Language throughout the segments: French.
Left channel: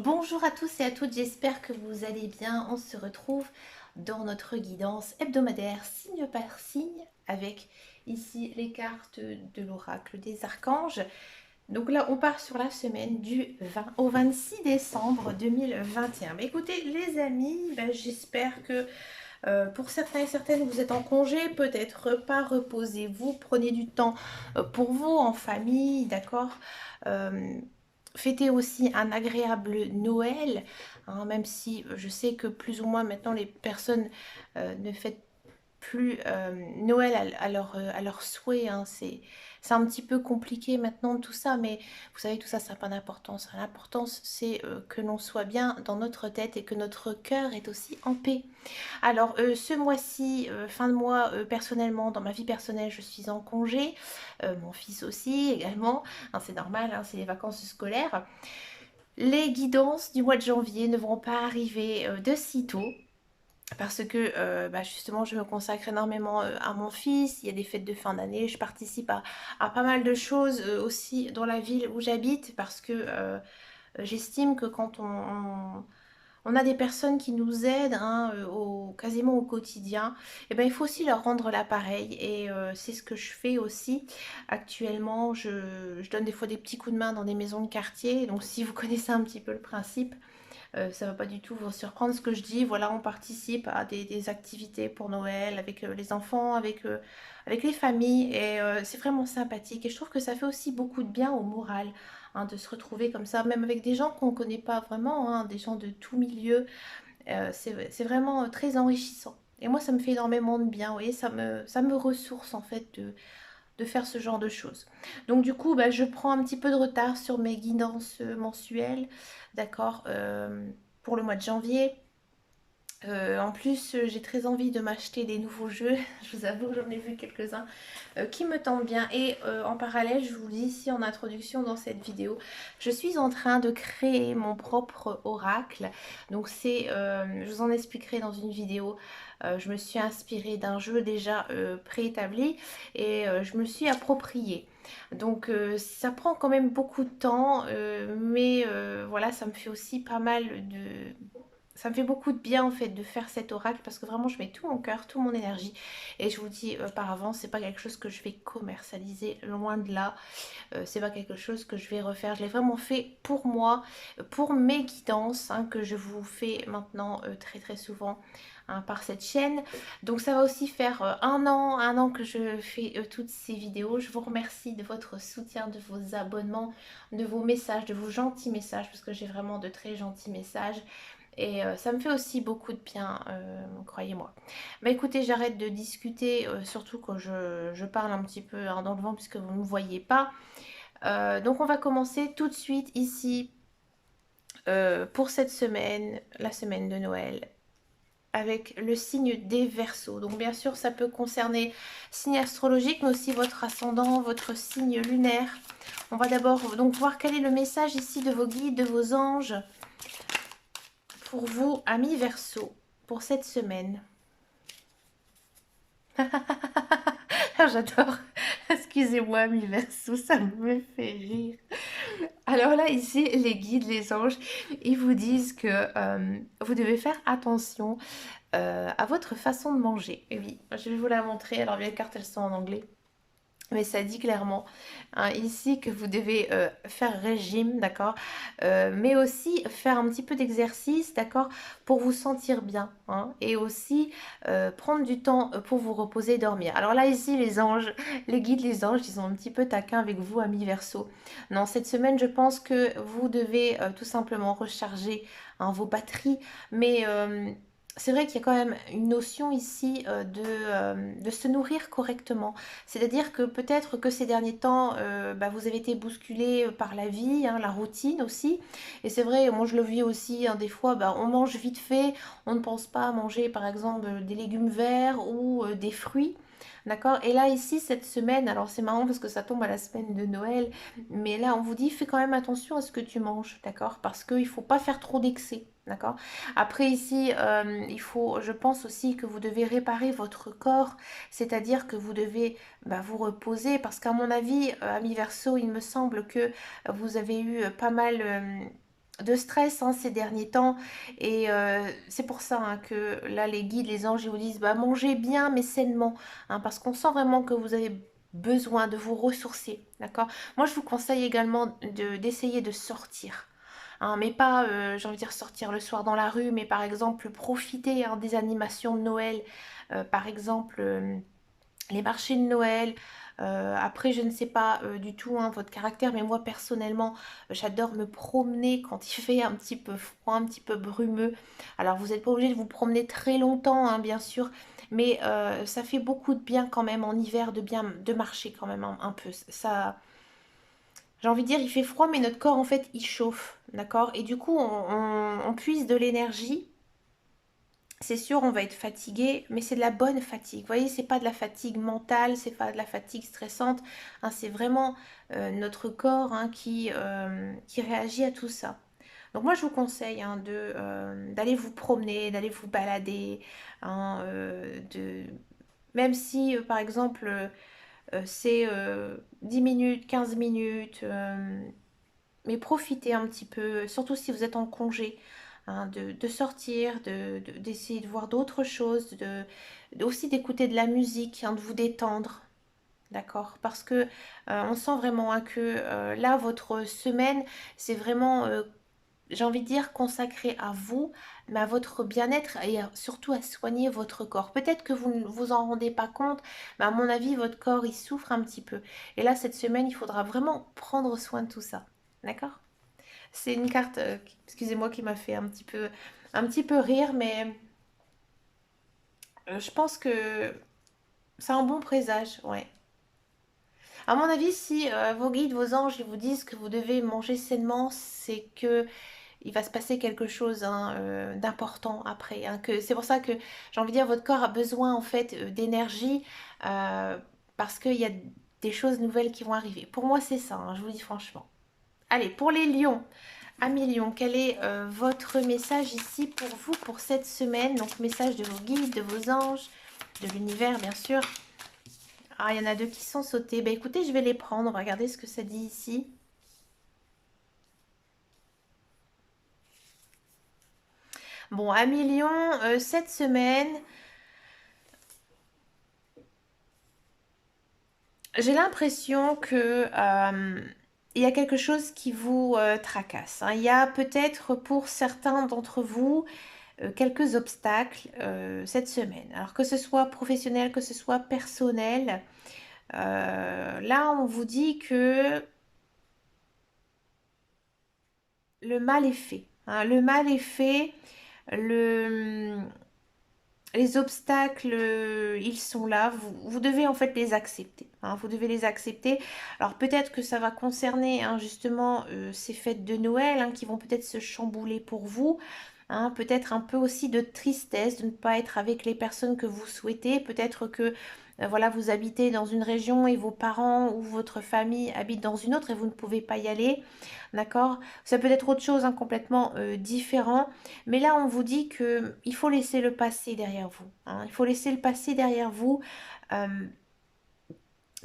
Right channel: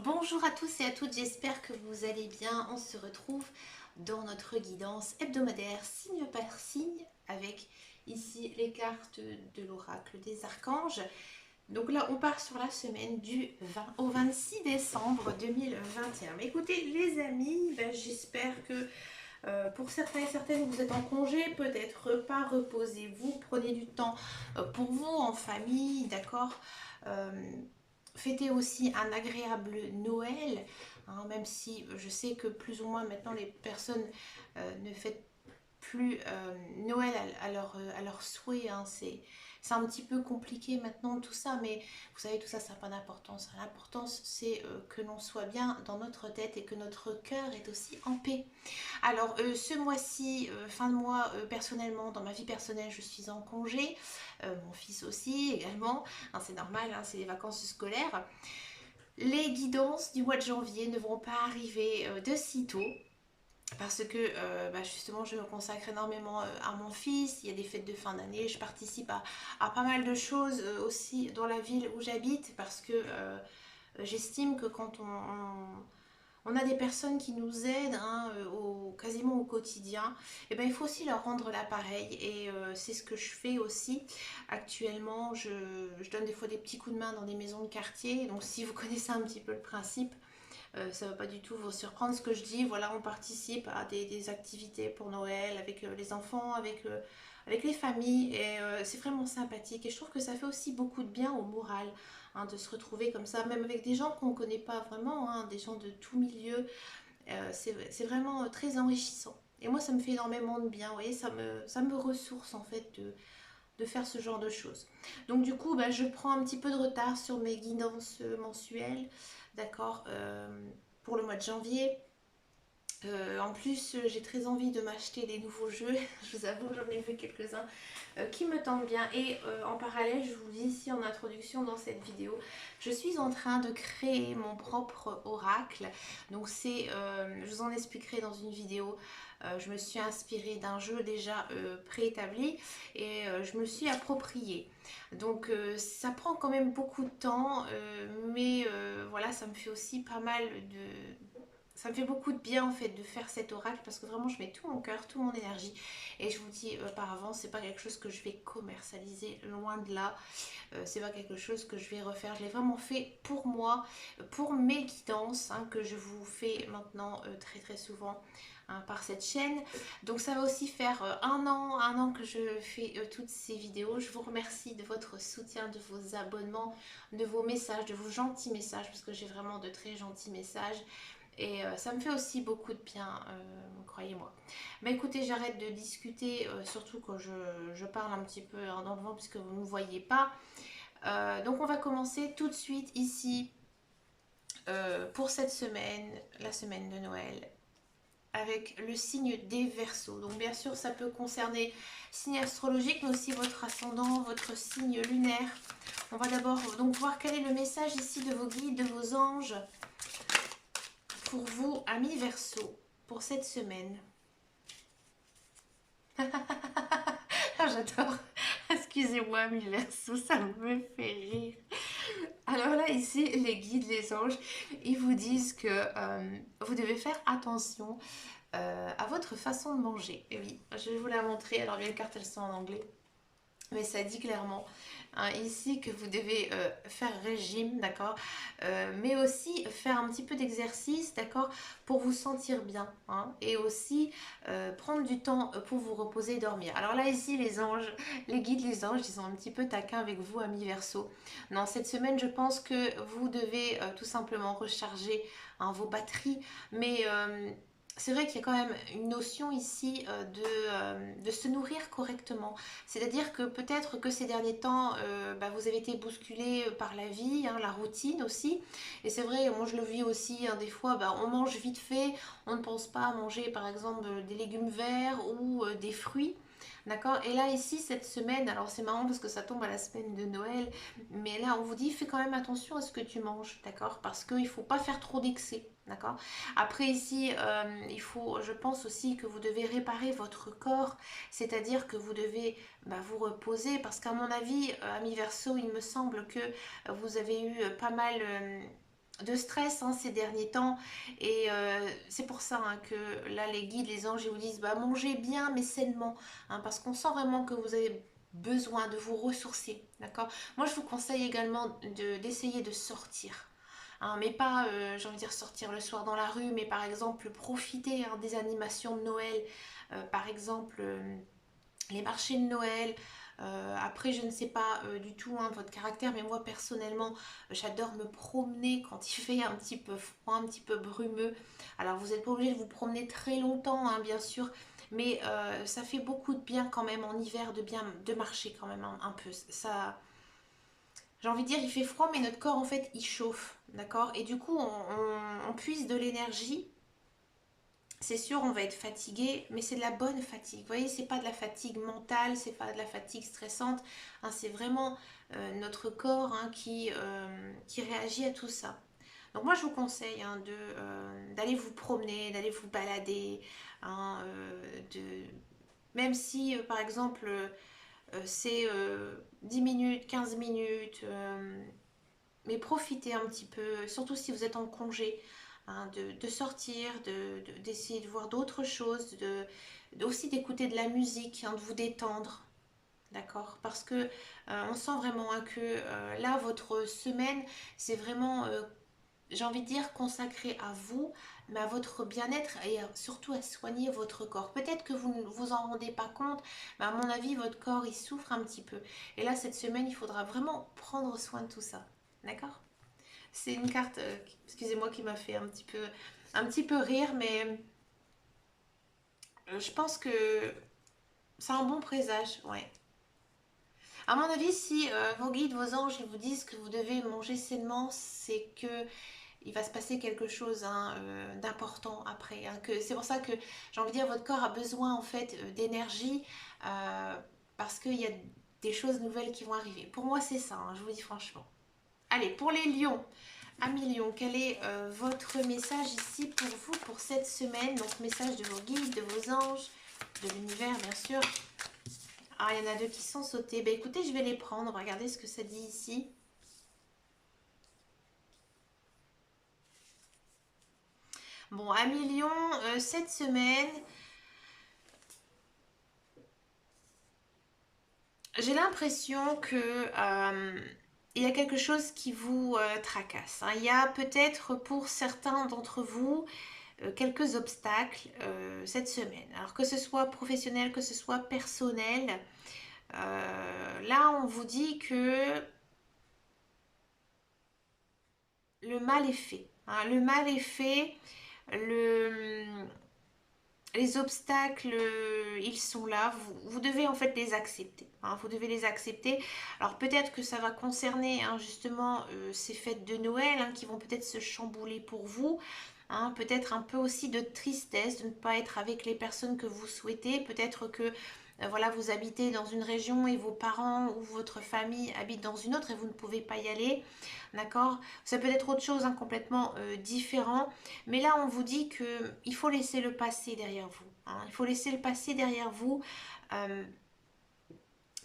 Bonjour à tous et à toutes, j'espère que vous allez bien. On se retrouve dans notre guidance hebdomadaire signe par signe avec ici les cartes de l'oracle des archanges. Donc là, on part sur la semaine du 20 au 26 décembre 2021. Mais écoutez les amis, j'espère que pour certains et certaines, vous êtes en congé, peut-être pas, reposez-vous, prenez du temps pour vous, en famille, d'accord. Euh, Fêtez aussi un agréable Noël, hein, même si je sais que plus ou moins maintenant les personnes ne fêtent plus Noël à leur souhait, hein. C'est un petit peu compliqué maintenant tout ça, mais vous savez, tout ça, ça n'a pas d'importance. L'importance, c'est que l'on soit bien dans notre tête et que notre cœur est aussi en paix. Alors, ce mois-ci, fin de mois, personnellement, dans ma vie personnelle, je suis en congé. Mon fils aussi, également. Hein, c'est normal, hein, c'est les vacances scolaires. Les guidances du mois de janvier ne vont pas arriver de sitôt. Parce que justement, je me consacre énormément à mon fils. Il y a des fêtes de fin d'année. Je participe à pas mal de choses aussi dans la ville où j'habite. Parce que j'estime que quand on a des personnes qui nous aident, hein, quasiment au quotidien, et ben, il faut aussi leur rendre l'appareil. Et c'est ce que je fais aussi actuellement. Je donne des fois des petits coups de main dans des maisons de quartier. Donc si vous connaissez un petit peu le principe, ça ne va pas du tout vous surprendre ce que je dis. Voilà, on participe à des activités pour Noël avec les enfants, avec les familles. Et c'est vraiment sympathique. Et je trouve que ça fait aussi beaucoup de bien au moral, hein, de se retrouver comme ça, même avec des gens qu'on ne connaît pas vraiment, hein, des gens de tout milieu. C'est vraiment très enrichissant. Et moi, ça me fait énormément de bien. Vous voyez, ça me ressource en fait de faire ce genre de choses. Donc du coup, je prends un petit peu de retard sur mes guidances mensuelles, d'accord, pour le mois de janvier. En plus, j'ai très envie de m'acheter des nouveaux jeux. Je vous avoue que j'en ai vu quelques-uns qui me tentent bien. Et en parallèle, je vous dis ici en introduction dans cette vidéo, je suis en train de créer mon propre oracle. Donc je vous en expliquerai dans une vidéo. Je me suis inspirée d'un jeu déjà préétabli et je me suis approprié. Donc ça prend quand même beaucoup de temps, mais voilà, ça me fait aussi pas mal de, ça me fait beaucoup de bien en fait de faire cet oracle parce que vraiment je mets tout mon cœur, toute mon énergie et je vous dis par avance, c'est pas quelque chose que je vais commercialiser, loin de là. C'est pas quelque chose que je vais refaire. Je l'ai vraiment fait pour moi, pour mes guidances, hein, que je vous fais maintenant très très souvent, hein, par cette chaîne. Donc ça va aussi faire un an que je fais toutes ces vidéos. Je vous remercie de votre soutien, de vos abonnements, de vos messages, de vos gentils messages, parce que j'ai vraiment de très gentils messages. Et ça me fait aussi beaucoup de bien, croyez-moi. Mais écoutez, j'arrête de discuter, surtout quand je parle un petit peu, hein, dans le vent, puisque vous ne me voyez pas. Donc on va commencer tout de suite ici pour cette semaine, la semaine de Noël, avec le signe des Verseaux. Donc bien sûr, ça peut concerner signe astrologique, mais aussi votre ascendant, votre signe lunaire. On va d'abord donc voir quel est le message ici de vos guides, de vos anges, pour vous, amis Verseaux, pour cette semaine. J'adore. Excusez-moi, amis Verseaux, ça me fait rire. Alors là, ici, les guides, les anges, ils vous disent que vous devez faire attention à votre façon de manger. Et oui, je vais vous la montrer. Alors, les cartes, elles sont en anglais. Mais ça dit clairement, hein, ici, que vous devez faire régime, d'accord, mais aussi faire un petit peu d'exercice, d'accord, pour vous sentir bien, hein, et aussi prendre du temps pour vous reposer et dormir. Alors là, ici, les anges, les guides, les anges, ils sont un petit peu taquins avec vous, amis Verseau. Non, cette semaine, je pense que vous devez tout simplement recharger, hein, vos batteries, mais c'est vrai qu'il y a quand même une notion ici de se nourrir correctement. C'est-à-dire que peut-être que ces derniers temps, vous avez été bousculé par la vie, hein, la routine aussi. Et c'est vrai, moi je le vis aussi, hein, des fois, on mange vite fait, on ne pense pas à manger par exemple des légumes verts ou des fruits. D'accord. Et là, ici, cette semaine, alors c'est marrant parce que ça tombe à la semaine de Noël, mais là, on vous dit, fais quand même attention à ce que tu manges, d'accord? Parce qu'il ne faut pas faire trop d'excès, d'accord? Après, ici, il faut, je pense aussi que vous devez réparer votre corps, c'est-à-dire que vous devez vous reposer, parce qu'à mon avis, ami Verseau, il me semble que vous avez eu pas mal de stress hein, ces derniers temps. Et c'est pour ça hein, que là, les guides, les anges, ils vous disent, bah, mangez bien, mais sainement. Hein, parce qu'on sent vraiment que vous avez besoin de vous ressourcer. D'accord? Moi, je vous conseille également d'essayer de sortir. Hein, mais pas, j'ai envie de dire, sortir le soir dans la rue, mais par exemple, profiter hein, des animations de Noël. Par exemple, les marchés de Noël. Après, je ne sais pas du tout hein, votre caractère, mais moi personnellement, j'adore me promener quand il fait un petit peu froid, un petit peu brumeux. Alors, vous n'êtes pas obligé de vous promener très longtemps, hein, bien sûr, mais ça fait beaucoup de bien quand même en hiver de bien de marcher quand même un peu. Ça, j'ai envie de dire, il fait froid, mais notre corps en fait, il chauffe, d'accord? Et du coup, on puise de l'énergie. C'est sûr, on va être fatigué, mais c'est de la bonne fatigue. Vous voyez, c'est pas de la fatigue mentale, c'est pas de la fatigue stressante. Hein, c'est vraiment notre corps hein, qui réagit à tout ça. Donc moi, je vous conseille hein, d'aller vous promener, d'aller vous balader, hein, même si, par exemple, c'est 10 minutes, 15 minutes, mais profitez un petit peu, surtout si vous êtes en congé, hein, de sortir, d'essayer de voir d'autres choses, aussi d'écouter de la musique, hein, de vous détendre, d'accord? Parce que on sent vraiment hein, que là, votre semaine, c'est vraiment, j'ai envie de dire, consacré à vous, mais à votre bien-être et surtout à soigner votre corps. Peut-être que vous ne vous en rendez pas compte, mais à mon avis, votre corps, il souffre un petit peu. Et là, cette semaine, il faudra vraiment prendre soin de tout ça, d'accord? C'est une carte, excusez-moi, qui m'a fait un petit peu rire, mais je pense que c'est un bon présage, ouais. À mon avis, si vos guides, vos anges, ils vous disent que vous devez manger sainement, c'est que il va se passer quelque chose hein, d'important après. Hein, que c'est pour ça que j'ai envie de dire, votre corps a besoin en fait d'énergie euh, parce qu'il y a des choses nouvelles qui vont arriver. Pour moi, c'est ça, hein, je vous dis franchement. Allez, pour les lions. Amis Lion, quel est votre message ici pour vous pour cette semaine? Donc message de vos guides, de vos anges, de l'univers bien sûr. Ah, il y en a deux qui sont sautés. Ben écoutez, je vais les prendre. On va regarder ce que ça dit ici. Bon, Amis Lion, cette semaine, j'ai l'impression que il y a quelque chose qui vous tracasse. Hein. Il y a peut-être pour certains d'entre vous quelques obstacles cette semaine. Alors que ce soit professionnel, que ce soit personnel. Là, on vous dit que le mal est fait. Hein. Le mal est fait. Le, les obstacles, ils sont là. Vous devez en fait les accepter. Hein. Vous devez les accepter. Alors peut-être que ça va concerner hein, justement ces fêtes de Noël hein, qui vont peut-être se chambouler pour vous. Hein. Peut-être un peu aussi de tristesse de ne pas être avec les personnes que vous souhaitez. Peut-être que voilà, vous habitez dans une région et vos parents ou votre famille habitent dans une autre et vous ne pouvez pas y aller. D'accord? Ça peut être autre chose, hein, complètement différent. Mais là, on vous dit que il faut laisser le passé derrière vous. Hein. Il faut laisser le passé derrière vous. euh,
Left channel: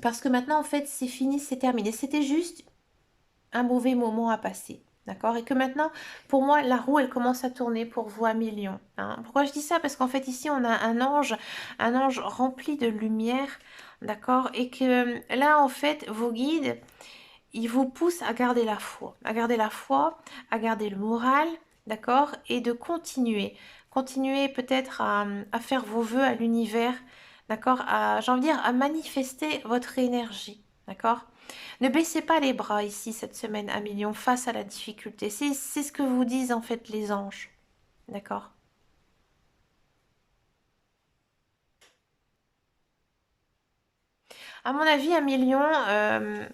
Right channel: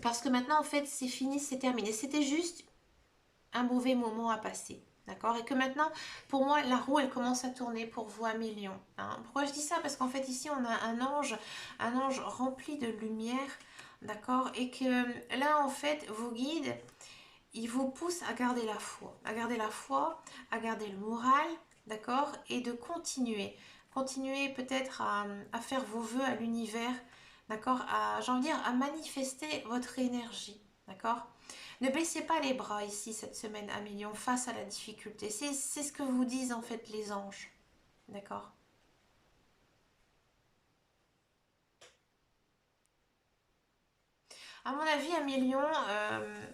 Parce que maintenant, en fait, c'est fini, c'est terminé. C'était juste un mauvais moment à passer. D'accord? Et que maintenant, pour moi, la roue, elle commence à tourner pour vous à millions. Hein. Pourquoi je dis ça? Parce qu'en fait, ici, on a un ange rempli de lumière. D'accord? Et que là, en fait, vos guides, ils vous poussent à garder la foi. À garder la foi, à garder le moral. D'accord? Et de continuer. Continuer peut-être à faire vos vœux à l'univers. D'accord? J'ai envie de dire, à manifester votre énergie. D'accord? Ne baissez pas les bras ici cette semaine à millions face à la difficulté. C'est ce que vous disent en fait les anges. D'accord? À mon avis, un million,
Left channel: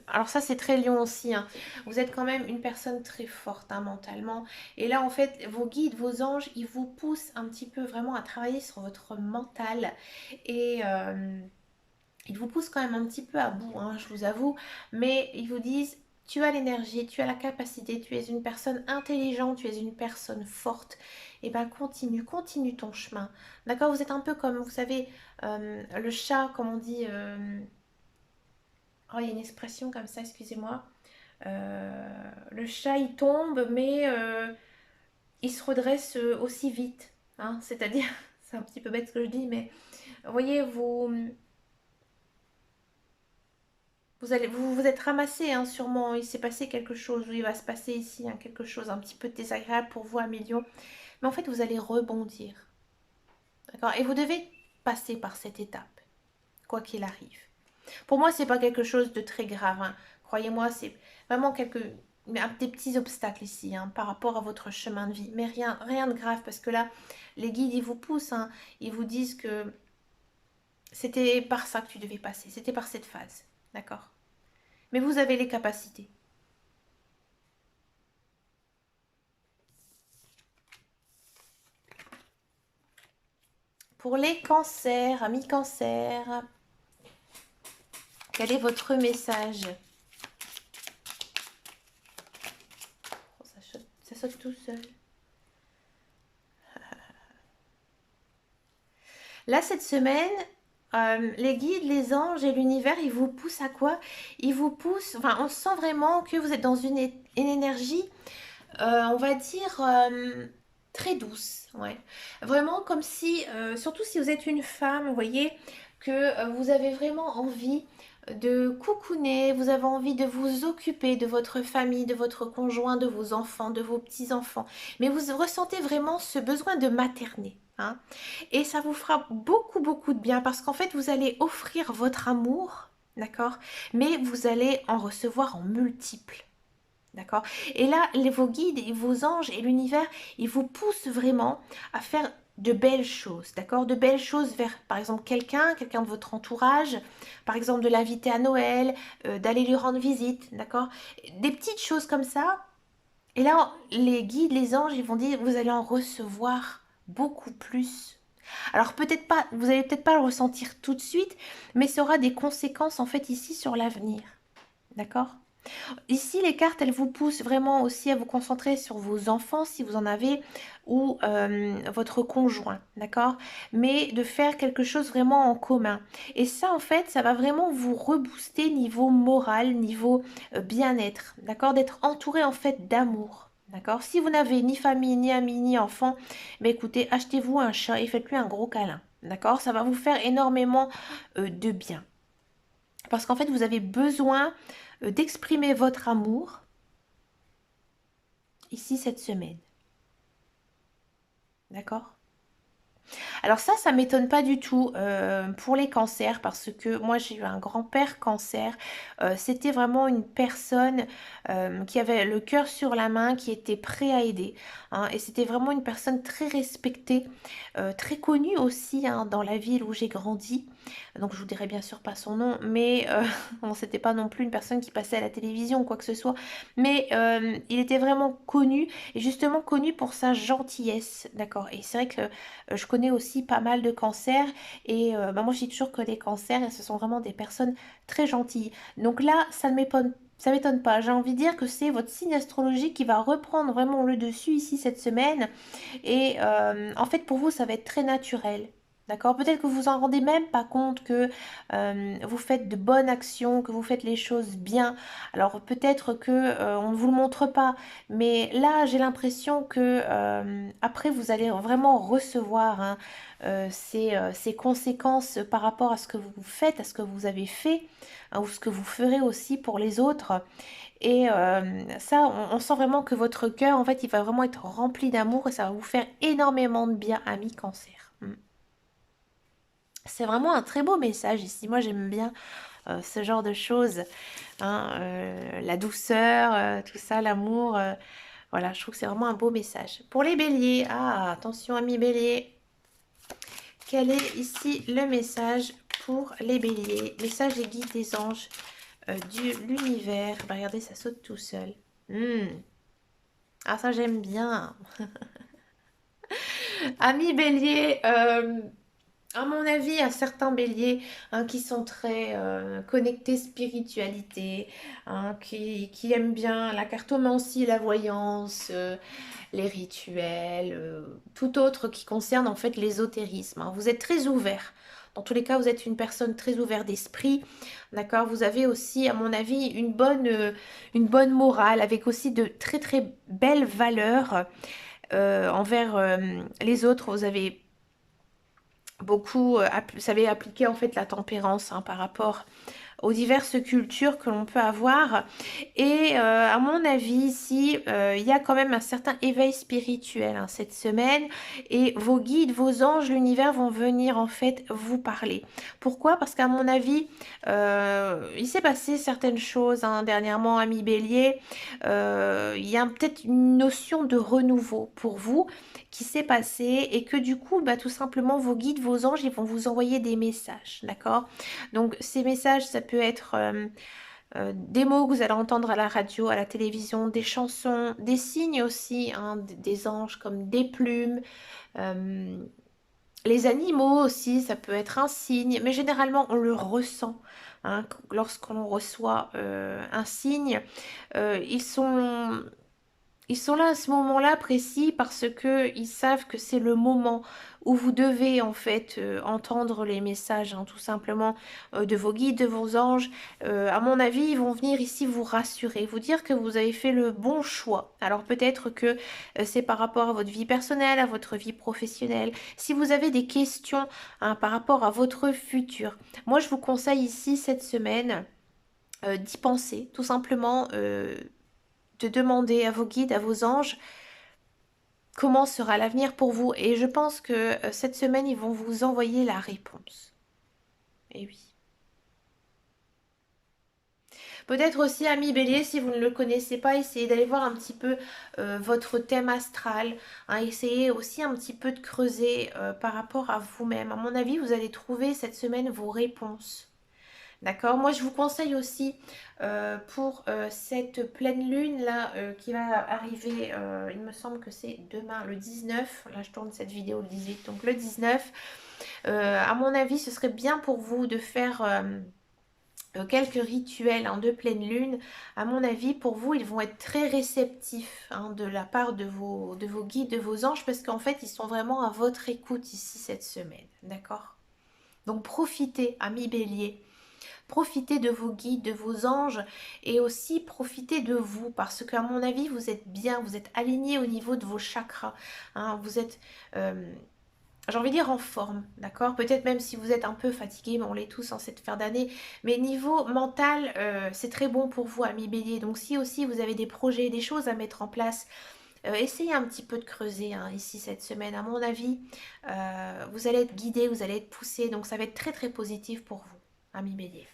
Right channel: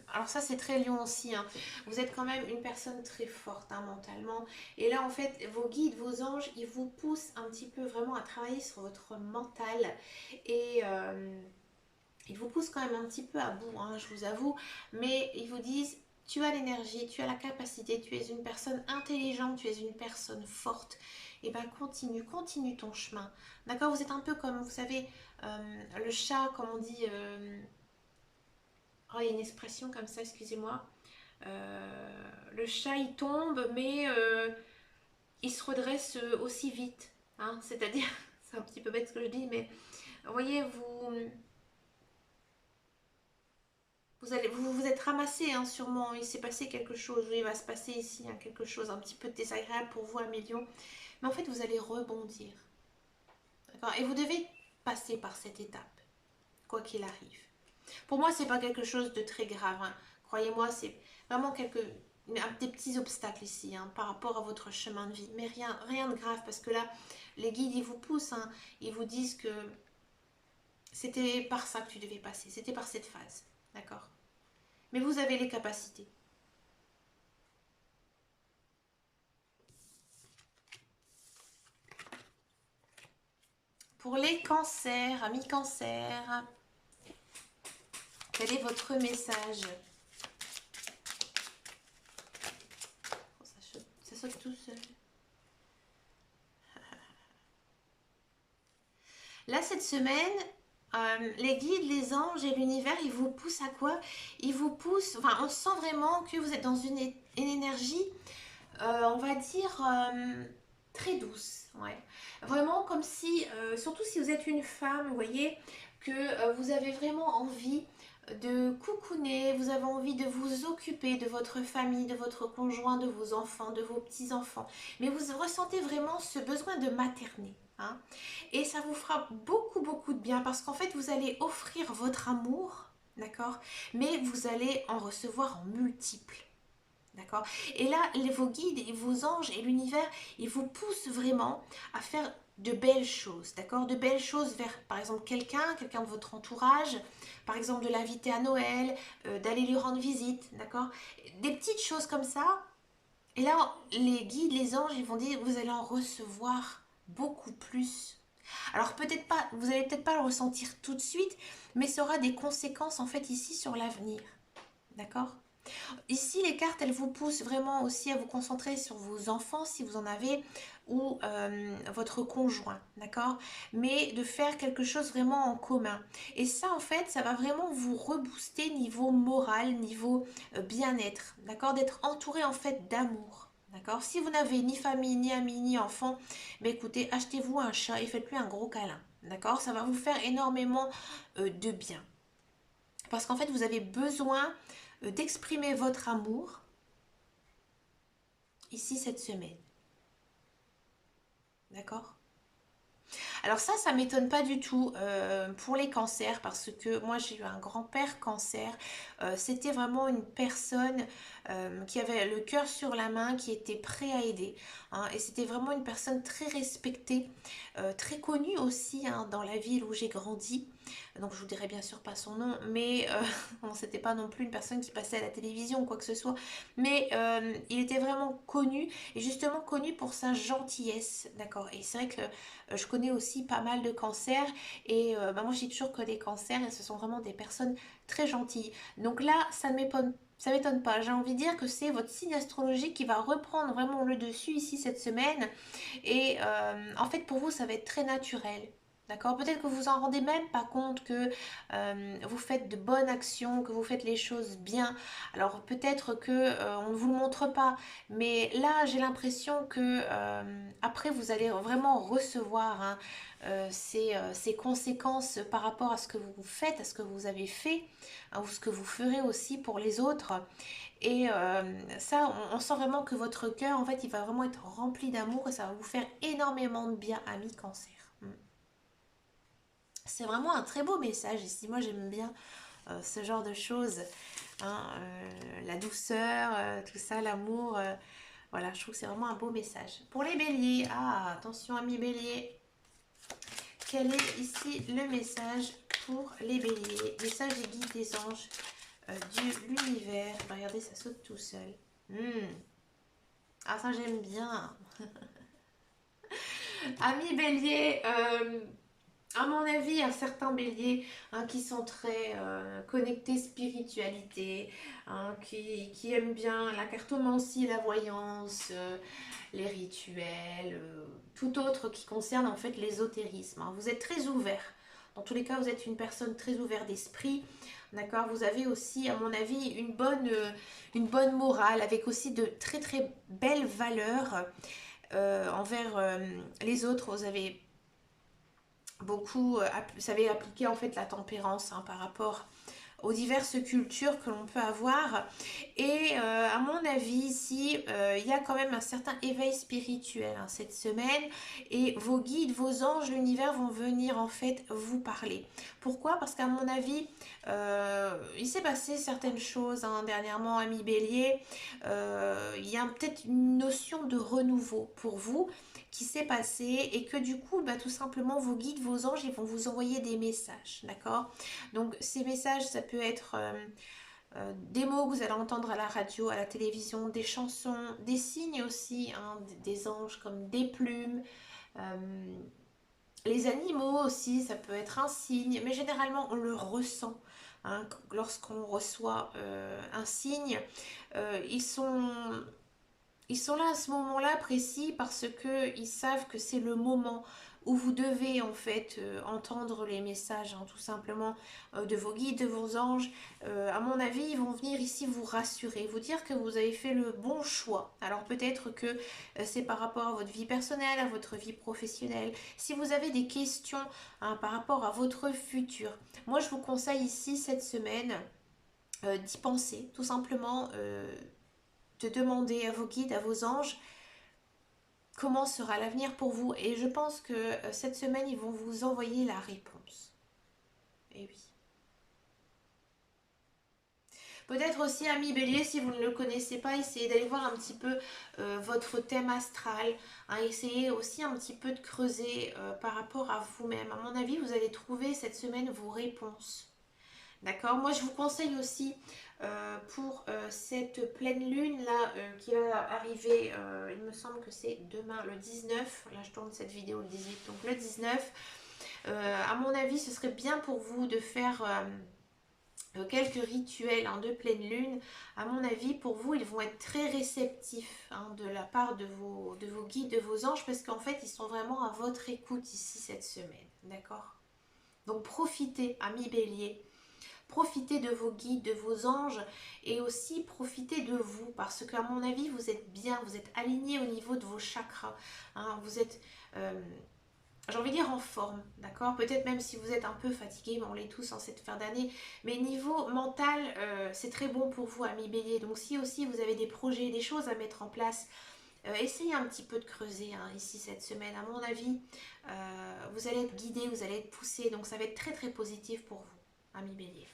alors ça c'est très lion aussi, hein. Vous êtes quand même une personne très forte hein, mentalement. Et là en fait, vos guides, vos anges, ils vous poussent un petit peu vraiment à travailler sur votre mental. Et ils vous poussent quand même un petit peu à bout, hein, je vous avoue. Mais ils vous disent, tu as l'énergie, tu as la capacité, tu es une personne intelligente, tu es une personne forte. Et ben continue, continue ton chemin. D'accord? Vous êtes un peu comme, vous savez, le chat, comme on dit. Oh, il y a une expression comme ça, excusez-moi. Le chat, il tombe, mais il se redresse aussi vite. Hein. C'est-à-dire, c'est un petit peu bête ce que je dis, mais vous voyez, vous vous êtes ramassé, hein, sûrement. Il s'est passé quelque chose, ou il va se passer ici hein, quelque chose un petit peu désagréable pour vous, Amélion. Mais en fait, vous allez rebondir. D'accord? Et vous devez passer par cette étape, quoi qu'il arrive. Pour moi, c'est pas quelque chose de très grave. Hein. Croyez-moi, c'est vraiment des petits obstacles ici hein, par rapport à votre chemin de vie. Mais rien, rien de grave parce que là, les guides, ils vous poussent. Hein. Ils vous disent que c'était par ça que tu devais passer. C'était par cette phase. D'accord? Mais vous avez les capacités. Pour les cancers, amis cancers, quel est votre message? Oh, ça saute tout seul. Là, cette semaine, les guides, les anges et l'univers, ils vous poussent à quoi? Ils vous poussent, enfin, on sent vraiment que vous êtes dans une énergie, on va dire, très douce. Ouais. Vraiment comme si, surtout si vous êtes une femme, vous voyez, que vous avez vraiment envie de cocooner, vous avez envie de vous occuper de votre famille, de votre conjoint, de vos enfants, de vos petits-enfants. Mais vous ressentez vraiment ce besoin de materner. Hein. Et ça vous fera beaucoup, beaucoup de bien parce qu'en fait, vous allez offrir votre amour, d'accord? Mais vous allez en recevoir en multiples. D'accord? Et là, vos guides et vos anges et l'univers, ils vous poussent vraiment à faire de belles choses, d'accord? De belles choses vers, par exemple, quelqu'un de votre entourage, par exemple, de l'inviter à Noël, d'aller lui rendre visite, d'accord? Des petites choses comme ça. Et là, les guides, les anges, ils vont dire, vous allez en recevoir beaucoup plus. Alors peut-être pas, vous allez peut-être pas le ressentir tout de suite, mais ça aura des conséquences en fait ici sur l'avenir. D'accord? Ici, les cartes, elles vous poussent vraiment aussi à vous concentrer sur vos enfants, si vous en avez, ou votre conjoint, d'accord? Mais de faire quelque chose vraiment en commun. Et ça, en fait, ça va vraiment vous rebooster niveau moral, niveau bien-être, d'accord? D'être entouré, en fait, d'amour. D'accord? Si vous n'avez ni famille, ni amis, ni enfants, mais écoutez, achetez-vous un chat et faites-lui un gros câlin. D'accord? Ça va vous faire énormément de bien. Parce qu'en fait, vous avez besoin d'exprimer votre amour ici cette semaine. D'accord? Alors ça m'étonne pas du tout pour les cancers parce que moi j'ai eu un grand-père cancer. C'était vraiment une personne qui avait le cœur sur la main, qui était prêt à aider. Hein, et c'était vraiment une personne très respectée, très connue aussi hein, dans la ville où j'ai grandi. Donc je vous dirai bien sûr pas son nom, mais bon, c'était pas non plus une personne qui passait à la télévision ou quoi que ce soit. Mais il était vraiment connu et justement connu pour sa gentillesse. D'accord? Et c'est vrai que je connais aussi pas mal de cancers et bah, moi je dis toujours que les cancers, ce sont vraiment des personnes très gentilles. Donc là, ça m'étonne pas. J'ai envie de dire que c'est votre signe astrologique qui va reprendre vraiment le dessus ici cette semaine. Et en fait, pour vous, ça va être très naturel. D'accord? Peut-être que vous vous en rendez même pas compte que vous faites de bonnes actions, que vous faites les choses bien. Alors peut-être que on ne vous le montre pas, mais là j'ai l'impression que après vous allez vraiment recevoir hein, ces conséquences par rapport à ce que vous faites, à ce que vous avez fait, hein, ou ce que vous ferez aussi pour les autres. Et ça, on sent vraiment que votre cœur, en fait, il va vraiment être rempli d'amour et ça va vous faire énormément de bien, ami cancer. Mm. C'est vraiment un très beau message ici. Moi, j'aime bien ce genre de choses. Hein, la douceur, tout ça, l'amour. Voilà, je trouve que c'est vraiment un beau message. Pour les béliers, ah, attention, ami bélier. Quel est ici le message pour les béliers? Message et guide des anges de l'univers. Bah, regardez, ça saute tout seul. Ah, ça, j'aime bien. Ami bélier, à mon avis, il y a certains béliers hein, qui sont très connectés spiritualité, hein, qui aiment bien la cartomancie, la voyance, les rituels, tout autre qui concerne en fait l'ésotérisme. Hein. Vous êtes très ouvert Dans tous les cas, vous êtes une personne très ouverte d'esprit, d'accord? Vous avez aussi, à mon avis, une bonne morale, avec aussi de très très belles valeurs envers les autres. Vous avez beaucoup, vous savez appliquer en fait la tempérance hein, par rapport aux diverses cultures que l'on peut avoir. Et à mon avis, ici, il y a quand même un certain éveil spirituel hein, cette semaine. Et vos guides, vos anges, l'univers vont venir en fait vous parler. Pourquoi? Parce qu'à mon avis, il s'est passé certaines choses hein, dernièrement, ami Bélier. Il y a peut-être une notion de renouveau pour vous qui s'est passé et que du coup, bah, tout simplement, vos guides, vos anges, ils vont vous envoyer des messages, d'accord? Donc ces messages, ça peut être des mots que vous allez entendre à la radio, à la télévision, des chansons, des signes aussi, hein, des anges comme des plumes, euh, les animaux aussi, ça peut être un signe, mais généralement on le ressent. Hein, lorsqu'on reçoit un signe, ils ils sont là à ce moment-là précis parce que ils savent que c'est le moment où vous devez en fait entendre les messages hein, tout simplement de vos guides, de vos anges. À mon avis, ils vont venir ici vous rassurer, vous dire que vous avez fait le bon choix. Alors peut-être que c'est par rapport à votre vie personnelle, à votre vie professionnelle. Si vous avez des questions hein, par rapport à votre futur, moi je vous conseille ici cette semaine d'y penser, tout simplement de demander à vos guides, à vos anges, comment sera l'avenir pour vous. Et je pense que cette semaine, ils vont vous envoyer la réponse. Et oui. Peut-être aussi, ami Bélier, si vous ne le connaissez pas, essayez d'aller voir un petit peu votre thème astral. Hein, essayez aussi un petit peu de creuser par rapport à vous-même. À mon avis, vous allez trouver cette semaine vos réponses. D'accord? Moi, je vous conseille aussi pour cette pleine lune là qui va arriver, il me semble que c'est demain le 19. Là, je tourne cette vidéo le 18, donc le 19. À mon avis, ce serait bien pour vous de faire quelques rituels hein, de pleine lune. À mon avis, pour vous, ils vont être très réceptifs hein, de la part de vos guides, de vos anges, parce qu'en fait, ils sont vraiment à votre écoute ici cette semaine. D'accord? Donc, profitez, amis bélier. Profitez de vos guides, de vos anges et aussi profitez de vous parce qu'à mon avis, vous êtes bien, vous êtes aligné au niveau de vos chakras. Hein, vous êtes, j'ai envie de dire, en forme, d'accord? Peut-être même si vous êtes un peu fatigué, mais on l'est tous en cette fin d'année. Mais niveau mental, c'est très bon pour vous, amis bélier. Donc si aussi vous avez des projets, des choses à mettre en place, essayez un petit peu de creuser hein, ici cette semaine. À mon avis, vous allez être guidé, vous allez être poussé. Donc ça va être très très positif pour vous, amis bélier.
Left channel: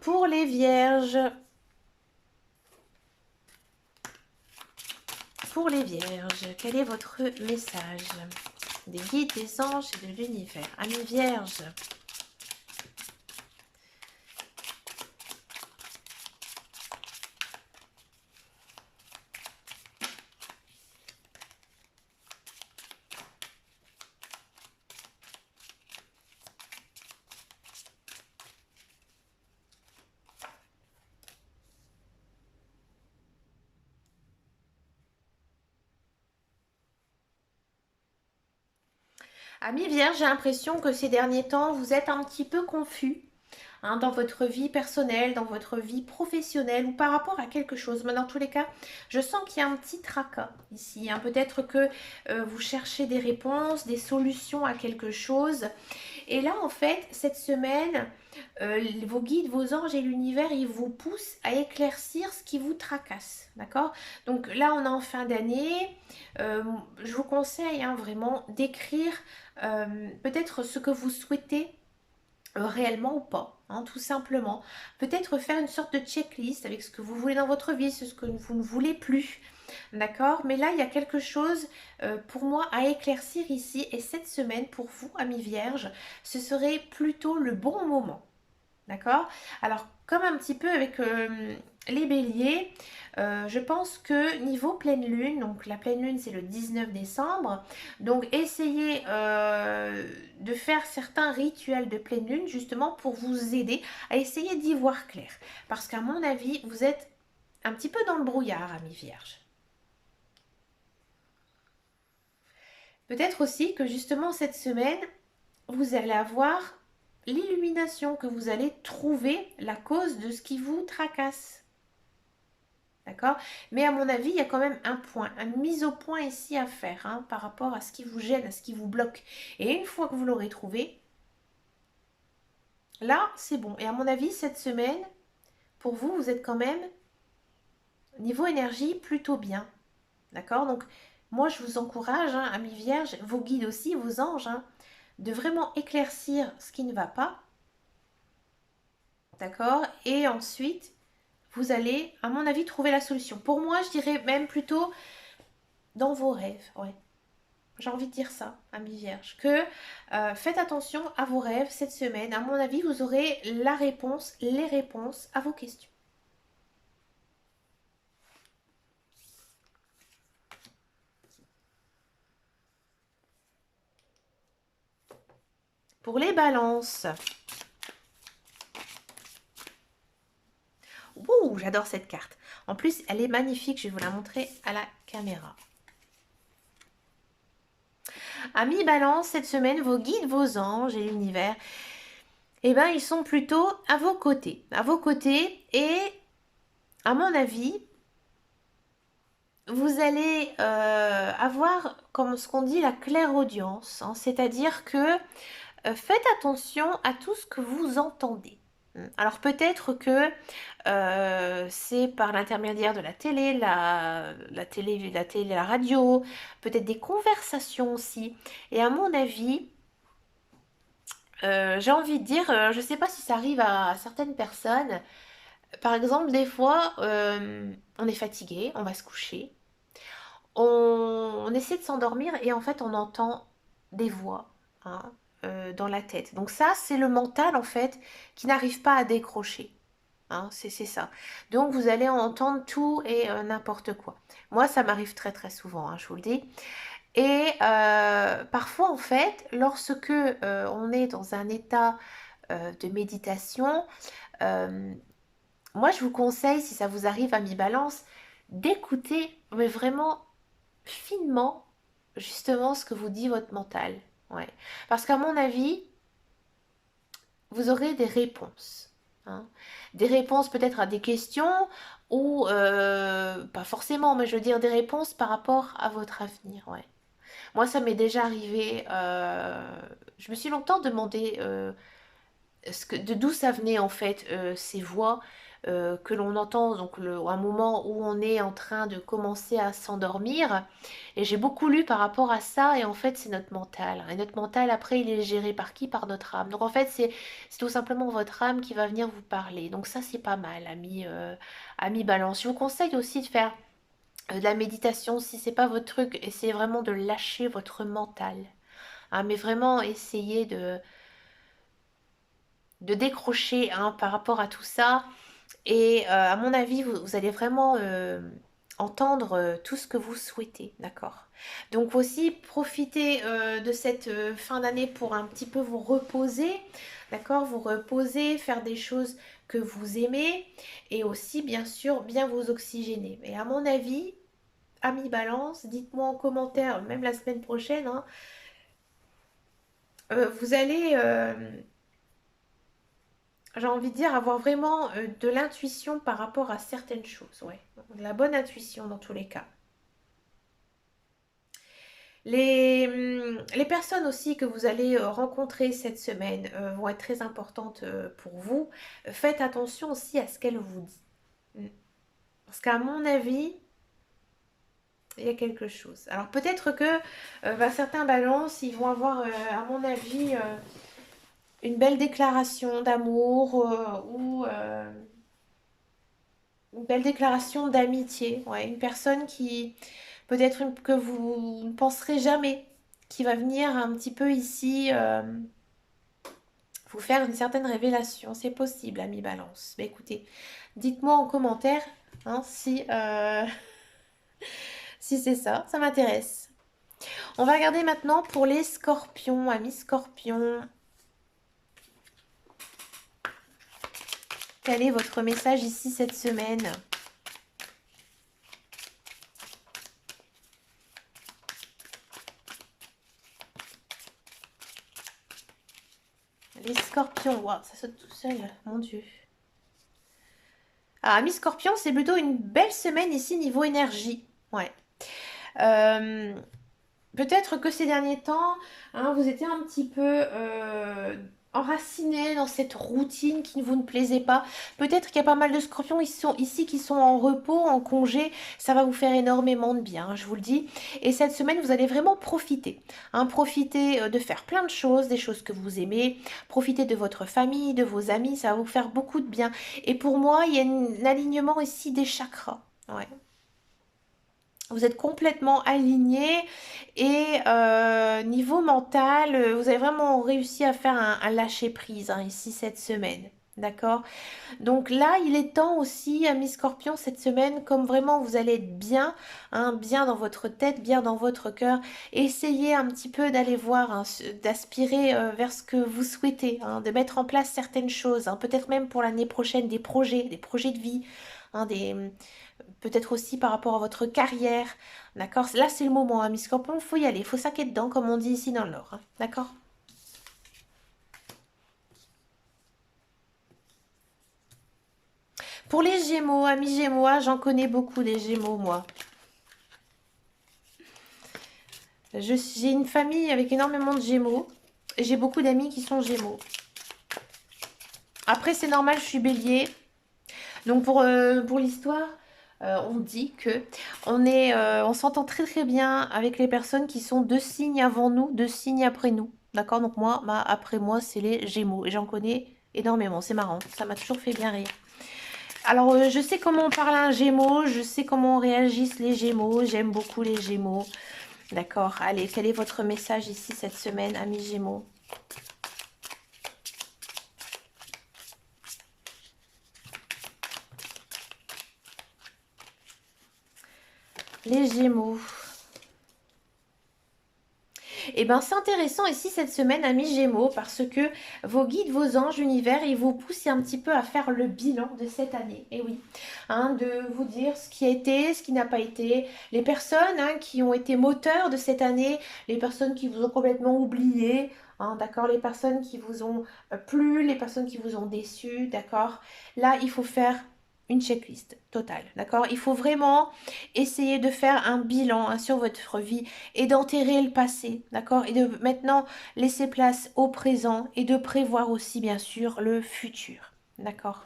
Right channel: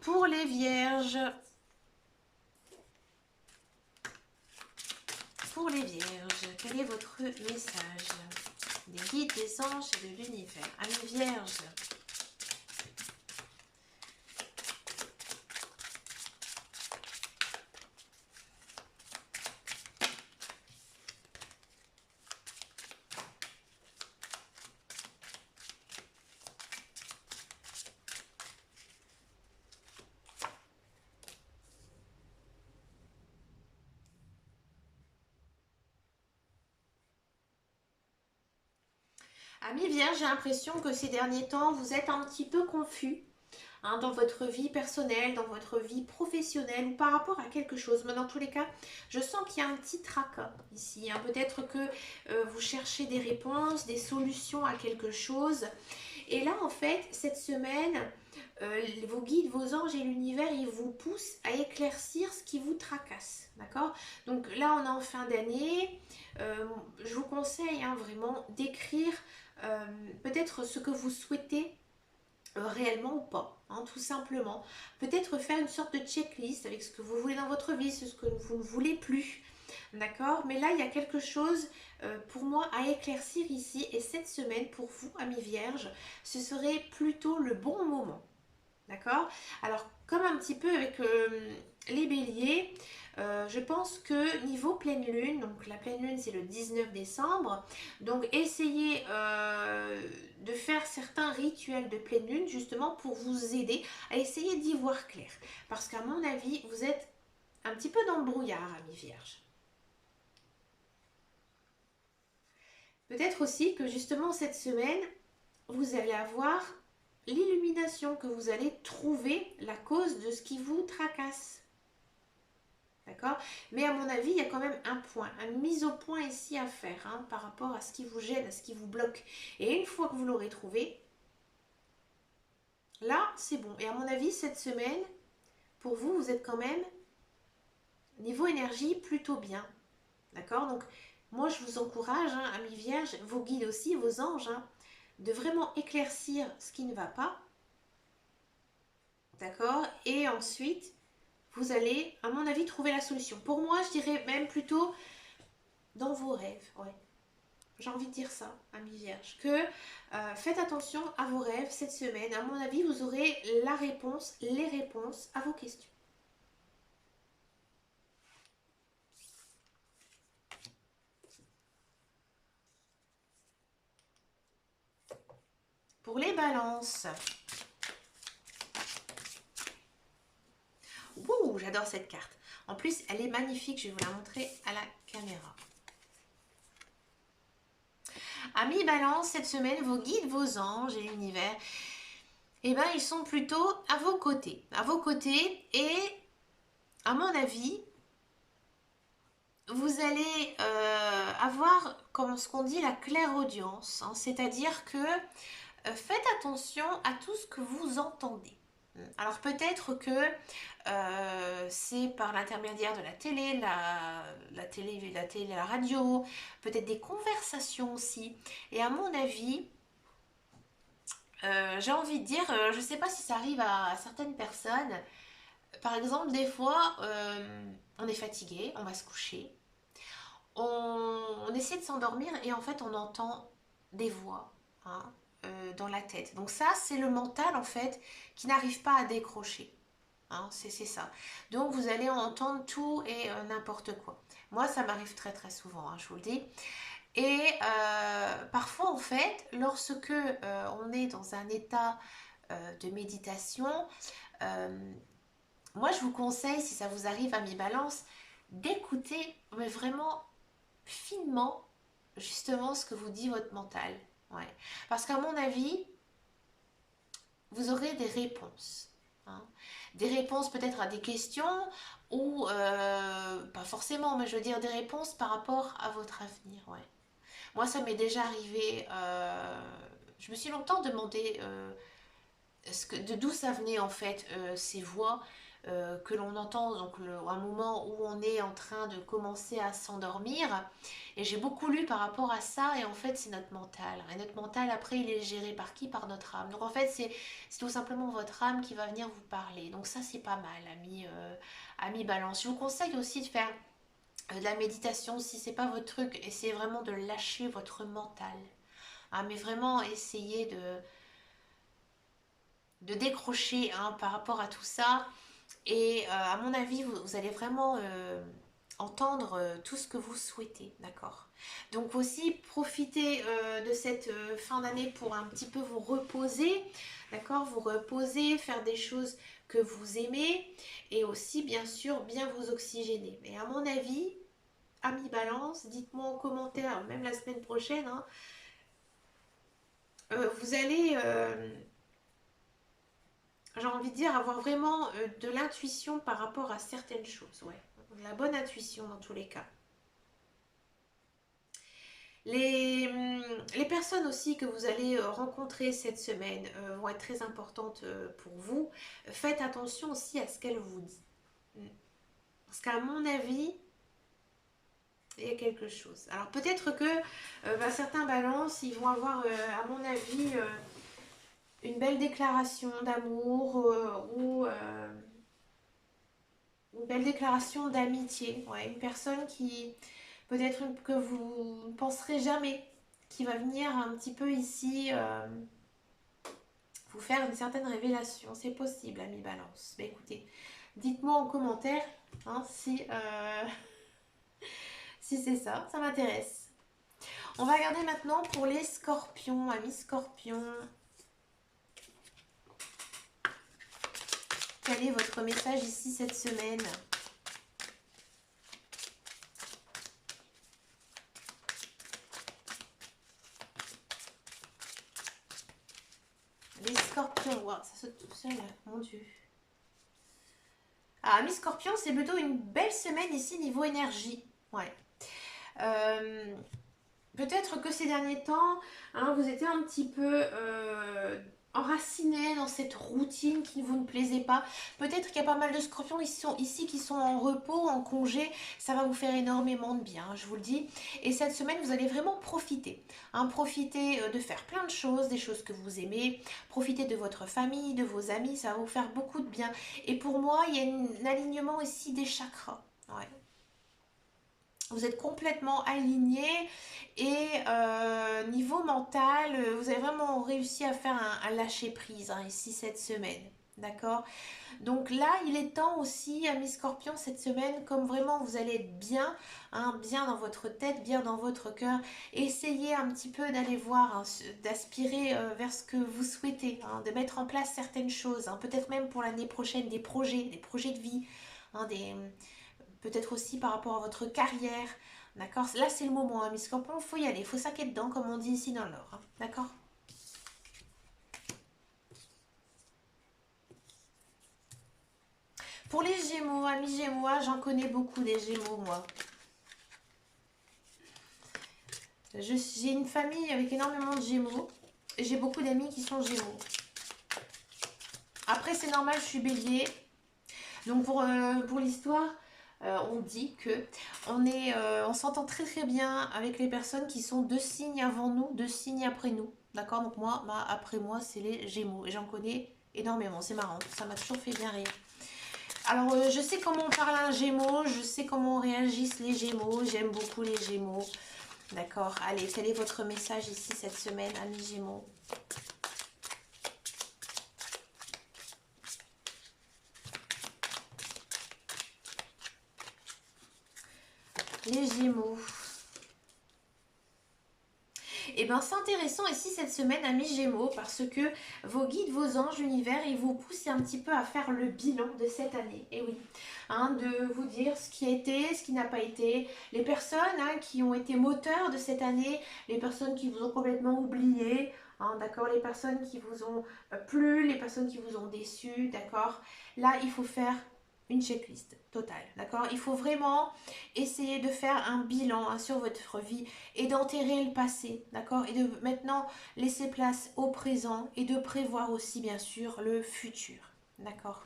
Pour les vierges, quel est votre message des guides, des anges et de l'univers? Amis vierges, amis vierges, j'ai l'impression que ces derniers temps, vous êtes un petit peu confus. Hein, dans votre vie personnelle, dans votre vie professionnelle ou par rapport à quelque chose. Mais dans tous les cas, je sens qu'il y a un petit tracas ici. Hein. Peut-être que vous cherchez des réponses, des solutions à quelque chose. Et là, en fait, cette semaine, vos guides, vos anges et l'univers, ils vous poussent à éclaircir ce qui vous tracasse. D'accord? Donc là, on est en fin d'année. Je vous conseille hein, vraiment d'écrire peut-être ce que vous souhaitez réellement ou pas, hein, tout simplement. Peut-être faire une sorte de checklist avec ce que vous voulez dans votre vie, ce que vous ne voulez plus. D'accord? Mais là, il y a quelque chose pour moi à éclaircir ici. Et cette semaine, pour vous, amis vierges, ce serait plutôt le bon moment. D'accord? Alors, comme un petit peu avec les béliers, je pense que niveau pleine lune, donc la pleine lune c'est le 19 décembre, donc essayez de faire certains rituels de pleine lune justement pour vous aider à essayer d'y voir clair. Parce qu'à mon avis, vous êtes un petit peu dans le brouillard, amis vierges. Peut-être aussi que justement cette semaine, vous allez avoir l'illumination, que vous allez trouver la cause de ce qui vous tracasse. D'accord? Mais à mon avis, il y a quand même un point, une mise au point ici à faire hein, par rapport à ce qui vous gêne, à ce qui vous bloque. Et une fois que vous l'aurez trouvé, là, c'est bon. Et à mon avis, cette semaine, pour vous, vous êtes quand même, niveau énergie, plutôt bien. D'accord? Donc, moi, je vous encourage, hein, amis vierges, vos guides aussi, vos anges, hein, de vraiment éclaircir ce qui ne va pas. D'accord? Et ensuite, vous allez, à mon avis, trouver la solution. Pour moi, je dirais même plutôt dans vos rêves. Ouais. J'ai envie de dire ça, amis vierges, que faites attention à vos rêves cette semaine. À mon avis, vous aurez la réponse, les réponses à vos questions. Pour les balances, ouh, j'adore cette carte. En plus, elle est magnifique, je vais vous la montrer à la caméra. Amis balance, cette semaine, vos guides, vos anges et l'univers, eh ben, ils sont plutôt à vos côtés. À vos côtés et, à mon avis, vous allez avoir, comme ce qu'on dit, la clairaudience. Hein, c'est-à-dire que faites attention à tout ce que vous entendez. Alors peut-être que c'est par l'intermédiaire de la télé, la radio, peut-être des conversations aussi. Et à mon avis, j'ai envie de dire, je ne sais pas si ça arrive à certaines personnes. Par exemple, des fois, on est fatigué, on va se coucher, on essaie de s'endormir et en fait, on entend des voix hein, dans la tête. Donc ça, c'est le mental en fait qui n'arrive pas à décrocher. Hein, c'est ça. Donc vous allez entendre tout et n'importe quoi. Moi, ça m'arrive très très souvent, hein, je vous le dis. Et parfois, en fait, lorsque on est dans un état de méditation, euh, moi, je vous conseille, si ça vous arrive à mi-balance, d'écouter, mais vraiment finement, justement, ce que vous dit votre mental. Ouais. Parce qu'à mon avis, vous aurez des réponses. Hein. Des réponses peut-être à des questions ou pas forcément, mais je veux dire des réponses par rapport à votre avenir. Ouais. Moi, ça m'est déjà arrivé. Je me suis longtemps demandé de d'où ça venait en fait ces voix que l'on entend donc un moment où on est en train de commencer à s'endormir et j'ai beaucoup lu par rapport à ça et en fait c'est notre mental et notre mental après il est géré par qui? Par notre âme donc en fait c'est tout simplement votre âme qui va venir vous parler donc ça c'est pas mal ami balance je vous conseille aussi de faire de la méditation si c'est pas votre truc essayez vraiment de lâcher votre mental hein, mais vraiment essayez de décrocher hein, par rapport à tout ça. Et à mon avis, vous allez vraiment entendre tout ce que vous souhaitez, d'accord? Donc aussi, profitez de cette fin d'année pour un petit peu vous reposer, d'accord? Vous reposer, faire des choses que vous aimez et aussi, bien sûr, bien vous oxygéner. Et à mon avis, amis balance, dites-moi en commentaire, même la semaine prochaine, hein, vous allez j'ai envie de dire, avoir vraiment de l'intuition par rapport à certaines choses. Ouais. De la bonne intuition dans tous les cas. Les personnes aussi que vous allez rencontrer cette semaine vont être très importantes pour vous. Faites attention aussi à ce qu'elles vous disent. Parce qu'à mon avis, il y a quelque chose. Alors peut-être que certains balances, ils vont avoir, à mon avis, une belle déclaration d'amour ou une belle déclaration d'amitié. Ouais, une personne qui peut-être que vous ne penserez jamais, qui va venir un petit peu ici vous faire une certaine révélation. C'est possible, ami Balance. Mais écoutez, dites-moi en commentaire hein, si, si c'est ça, ça m'intéresse. On va regarder maintenant pour les scorpions, amis scorpions. Quel est votre message ici cette semaine? Scorpion. Wow, ça saute tout seul, mon Dieu. Alors, amis Scorpion, c'est plutôt une belle semaine ici niveau énergie. Ouais. Euh, Peut-être que ces derniers temps, hein, vous étiez un petit peu enraciné dans cette routine qui ne vous ne plaisait pas. Peut-être qu'il y a pas mal de scorpions ici qui sont en repos, en congé. Ça va vous faire énormément de bien, hein, je vous le dis. Et cette semaine, vous allez vraiment profiter. Hein, profiter de faire plein de choses, des choses que vous aimez. Profiter de votre famille, de vos amis. Ça va vous faire beaucoup de bien. Et pour moi, il y a un alignement ici des chakras. Ouais. Vous êtes complètement aligné et niveau mental, vous avez vraiment réussi à faire un lâcher prise hein, ici cette semaine. D'accord. Donc là, il est temps aussi, amis Scorpion, cette semaine, comme vraiment vous allez être bien, hein, bien dans votre tête, bien dans votre cœur, essayez un petit peu d'aller voir, hein, d'aspirer vers ce que vous souhaitez, hein, de mettre en place certaines choses, hein, peut-être même pour l'année prochaine des projets de vie, hein, peut-être aussi par rapport à votre carrière. D'accord. Là, c'est le moment, hein, Miss Scorpion, il faut y aller, il faut saquer dedans, comme on dit ici dans le Nord. Hein. D'accord. Pour les Gémeaux, amis Gémeaux, j'en connais beaucoup des Gémeaux, moi. J'ai une famille avec énormément de Gémeaux. Et j'ai beaucoup d'amis qui sont Gémeaux. Après, c'est normal, je suis Bélier. Donc, pour l'histoire, on dit que on s'entend très très bien avec les personnes qui sont 2 signes avant nous, 2 signes après nous. D'accord. Donc, moi, après moi, c'est les Gémeaux. Et j'en connais énormément. C'est marrant. Ça m'a toujours fait bien rire. Alors, je sais comment on parle à un Gémeaux. Je sais comment réagissent les Gémeaux. J'aime beaucoup les Gémeaux. D'accord. Allez, quel est votre message ici cette semaine, amis Gémeaux? Les Gémeaux. Eh bien, c'est intéressant ici cette semaine, amis Gémeaux, parce que vos guides, vos anges, univers, ils vous poussent un petit peu à faire le bilan de cette année. Et oui, hein, de vous dire ce qui a été, ce qui n'a pas été, les personnes hein, qui ont été moteurs de cette année, les personnes qui vous ont complètement oublié, hein, d'accord, les personnes qui vous ont plu, les personnes qui vous ont déçu, d'accord. Là, il faut faire une checklist totale, d'accord. Il faut vraiment essayer de faire un bilan hein, sur votre vie et d'enterrer le passé, d'accord? Et de maintenant laisser place au présent et de prévoir aussi, bien sûr, le futur, d'accord?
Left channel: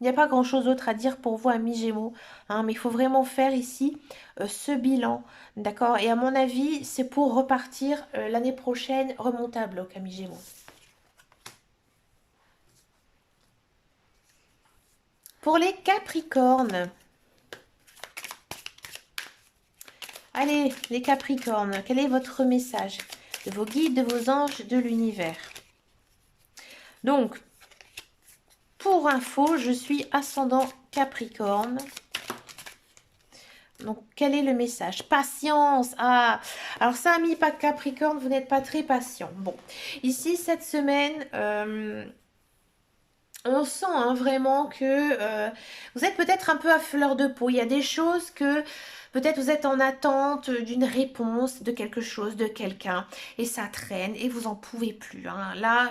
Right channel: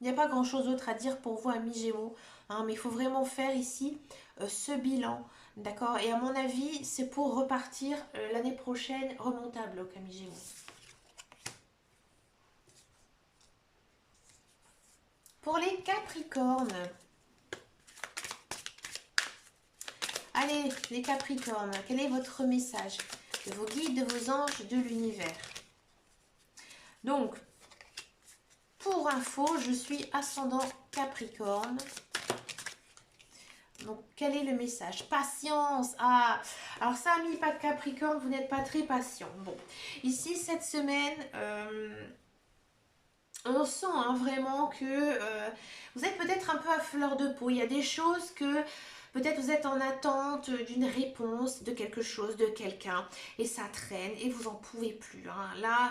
Il n'y a pas grand-chose d'autre à dire pour vous, amis Gémeaux, hein, mais il faut vraiment faire ici ce bilan, d'accord? Et à mon avis, c'est pour repartir l'année prochaine remontable, amis Gémeaux. Pour les Capricornes, allez, les Capricornes, quel est votre message de vos guides, de vos anges, de l'univers? Donc, pour info, je suis ascendant Capricorne. Donc, quel est le message? Patience. Ah, alors ça, ami pas Capricorne, vous n'êtes pas très patient. Bon, ici, cette semaine, on sent hein, vraiment que vous êtes peut-être un peu à fleur de peau. Il y a des choses que peut-être vous êtes en attente d'une réponse de quelque chose, de quelqu'un, et ça traîne et vous en pouvez plus. Hein. Là,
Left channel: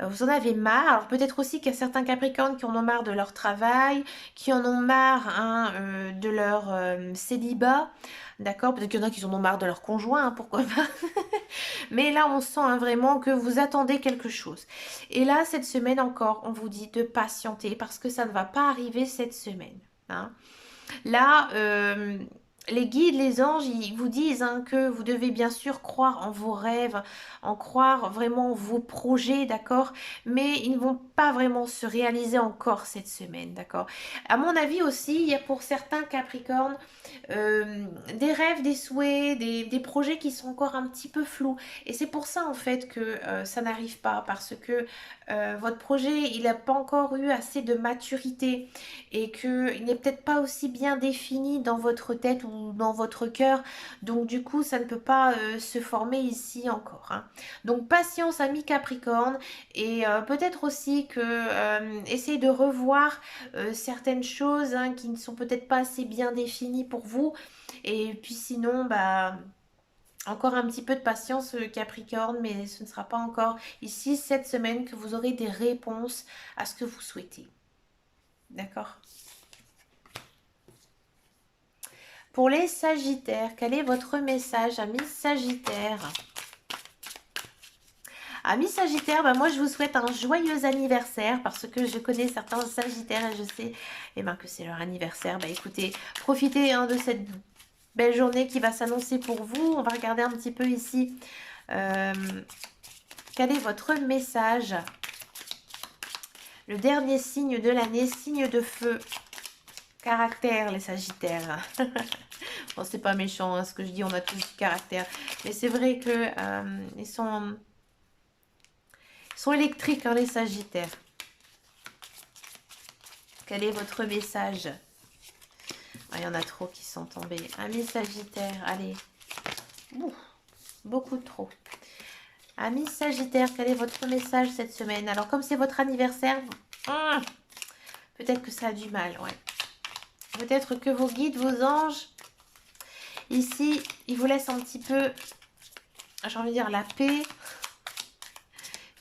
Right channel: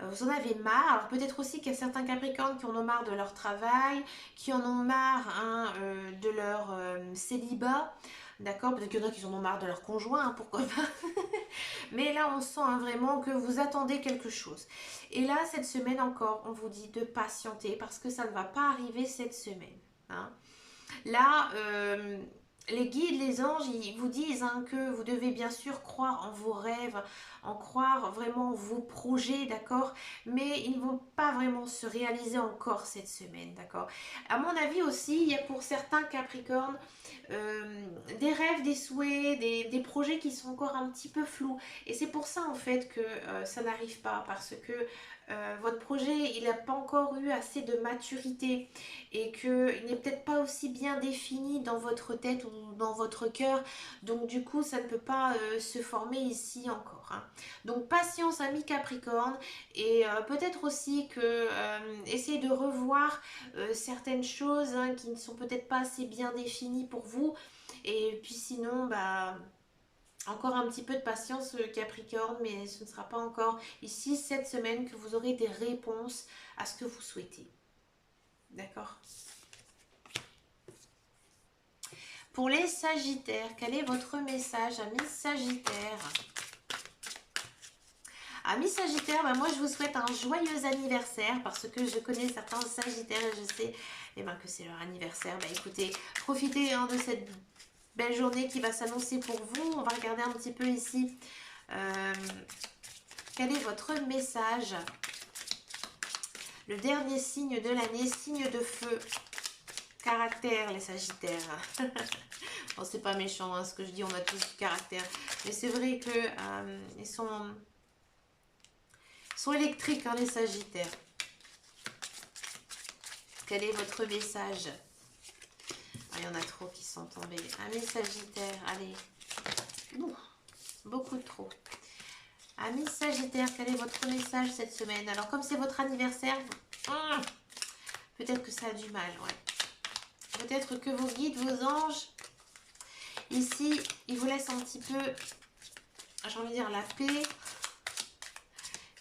vous en avez marre. Alors peut-être aussi qu'il y a certains Capricornes qui en ont marre de leur travail, qui en ont marre hein, de leur célibat. D'accord. Peut-être qu'il y en a qui en ont marre de leur conjoint, hein, pourquoi pas. Mais là, on sent hein, vraiment que vous attendez quelque chose. Et là, cette semaine encore, on vous dit de patienter parce que ça ne va pas arriver cette semaine. Hein. Là, les guides, les anges, ils vous disent hein, que vous devez bien sûr croire en vos rêves, en croire vraiment en vos projets, d'accord? Mais ils ne vont pas vraiment se réaliser encore cette semaine, d'accord? À mon avis aussi, il y a pour certains Capricornes euh, des rêves, des souhaits, des projets qui sont encore un petit peu flous. Et c'est pour ça en fait que ça n'arrive pas, parce que votre projet, il n'a pas encore eu assez de maturité et qu'il n'est peut-être pas aussi bien défini dans votre tête ou dans votre cœur. Donc du coup, ça ne peut pas se former ici encore. Hein. Donc patience, ami Capricorne, et peut-être aussi que essayez de revoir certaines choses hein, qui ne sont peut-être pas assez bien définies pour vous. Et puis sinon, bah Encore un petit peu de patience, Capricorne, mais ce ne sera pas encore ici cette semaine que vous aurez des réponses à ce que vous souhaitez. D'accord? Pour les Sagittaires, quel est votre message, amis Sagittaires? Amis Sagittaires, bah moi je vous souhaite un joyeux anniversaire parce que je connais certains Sagittaires et je sais que c'est leur anniversaire. Bah écoutez, profitez de cette belle journée qui va s'annoncer pour vous. On va regarder un petit peu ici. Quel est votre message? Le dernier signe de l'année, signe de feu. Caractère, les Sagittaires. Bon, c'est pas méchant ce que je dis, on a tous du caractère. Mais c'est vrai que ils sont électriques, les Sagittaires. Quel est votre message? Il y en a trop qui sont tombés. Amis Sagittaires, allez. Ouh, beaucoup trop. Amis Sagittaires, quel est votre message cette semaine? Alors, comme c'est votre anniversaire, peut-être que ça a du mal, ouais. Peut-être que vos guides, vos anges, ici, ils vous laissent un petit peu, j'ai envie de dire, la paix.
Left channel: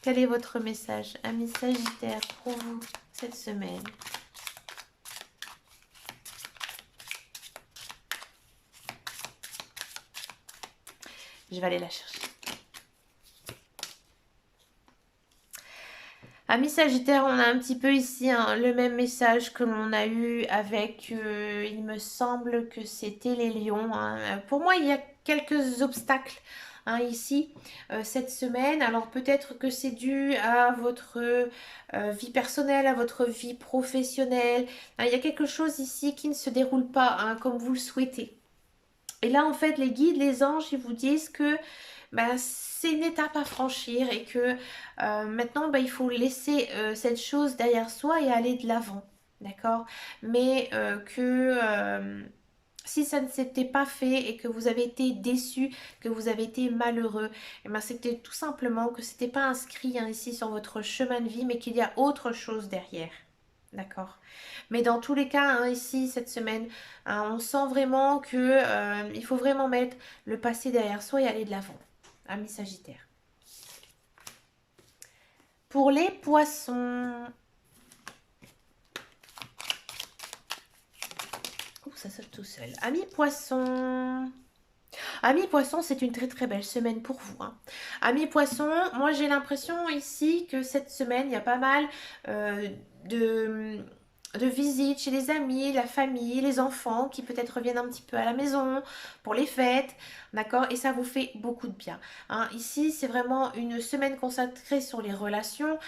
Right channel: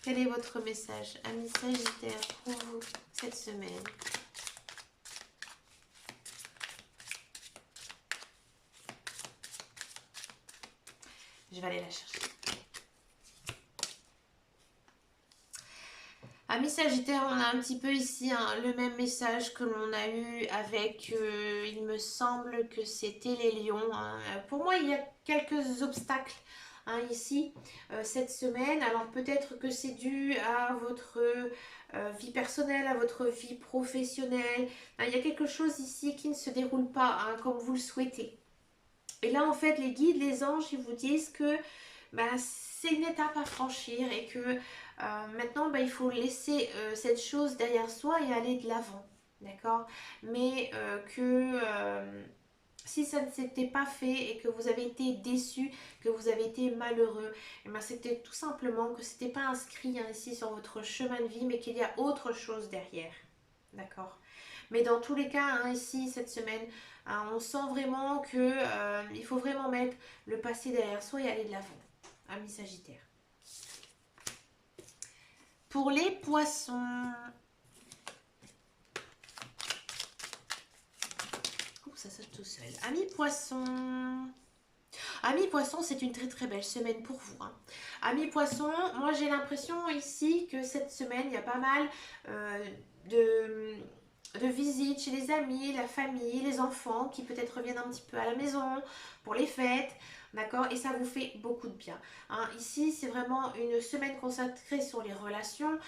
Quel est votre message, amis Sagittaires, pour vous cette semaine? Je vais aller la chercher. Amis Sagittaires, on a un petit peu ici le même message que l'on a eu avec, il me semble que c'était les lions. Pour moi, il y a quelques obstacles ici, cette semaine. Alors peut-être que c'est dû à votre vie personnelle, à votre vie professionnelle. Il y a quelque chose ici qui ne se déroule pas comme vous le souhaitez. Et là, en fait, les guides, les anges, ils vous disent que c'est une étape à franchir et que maintenant, il faut laisser cette chose derrière soi et aller de l'avant. D'accord? Mais si ça ne s'était pas fait et que vous avez été déçu, que vous avez été malheureux, c'était tout simplement que ce n'était pas inscrit ici sur votre chemin de vie, mais qu'il y a autre chose derrière. D'accord? Mais dans tous les cas, ici, cette semaine, on sent vraiment que il faut vraiment mettre le passé derrière soi et aller de l'avant. Amis Sagittaire. Pour les poissons. Ouh, ça saute tout seul. Amis poissons. Amis poissons, c'est une très très belle semaine pour vous. Amis poissons, moi j'ai l'impression ici que cette semaine, il y a pas mal de visites chez les amis, la famille, les enfants qui peut-être reviennent un petit peu à la maison pour les fêtes, d'accord? Et ça vous fait beaucoup de bien. Ici, c'est vraiment une semaine consacrée sur les relations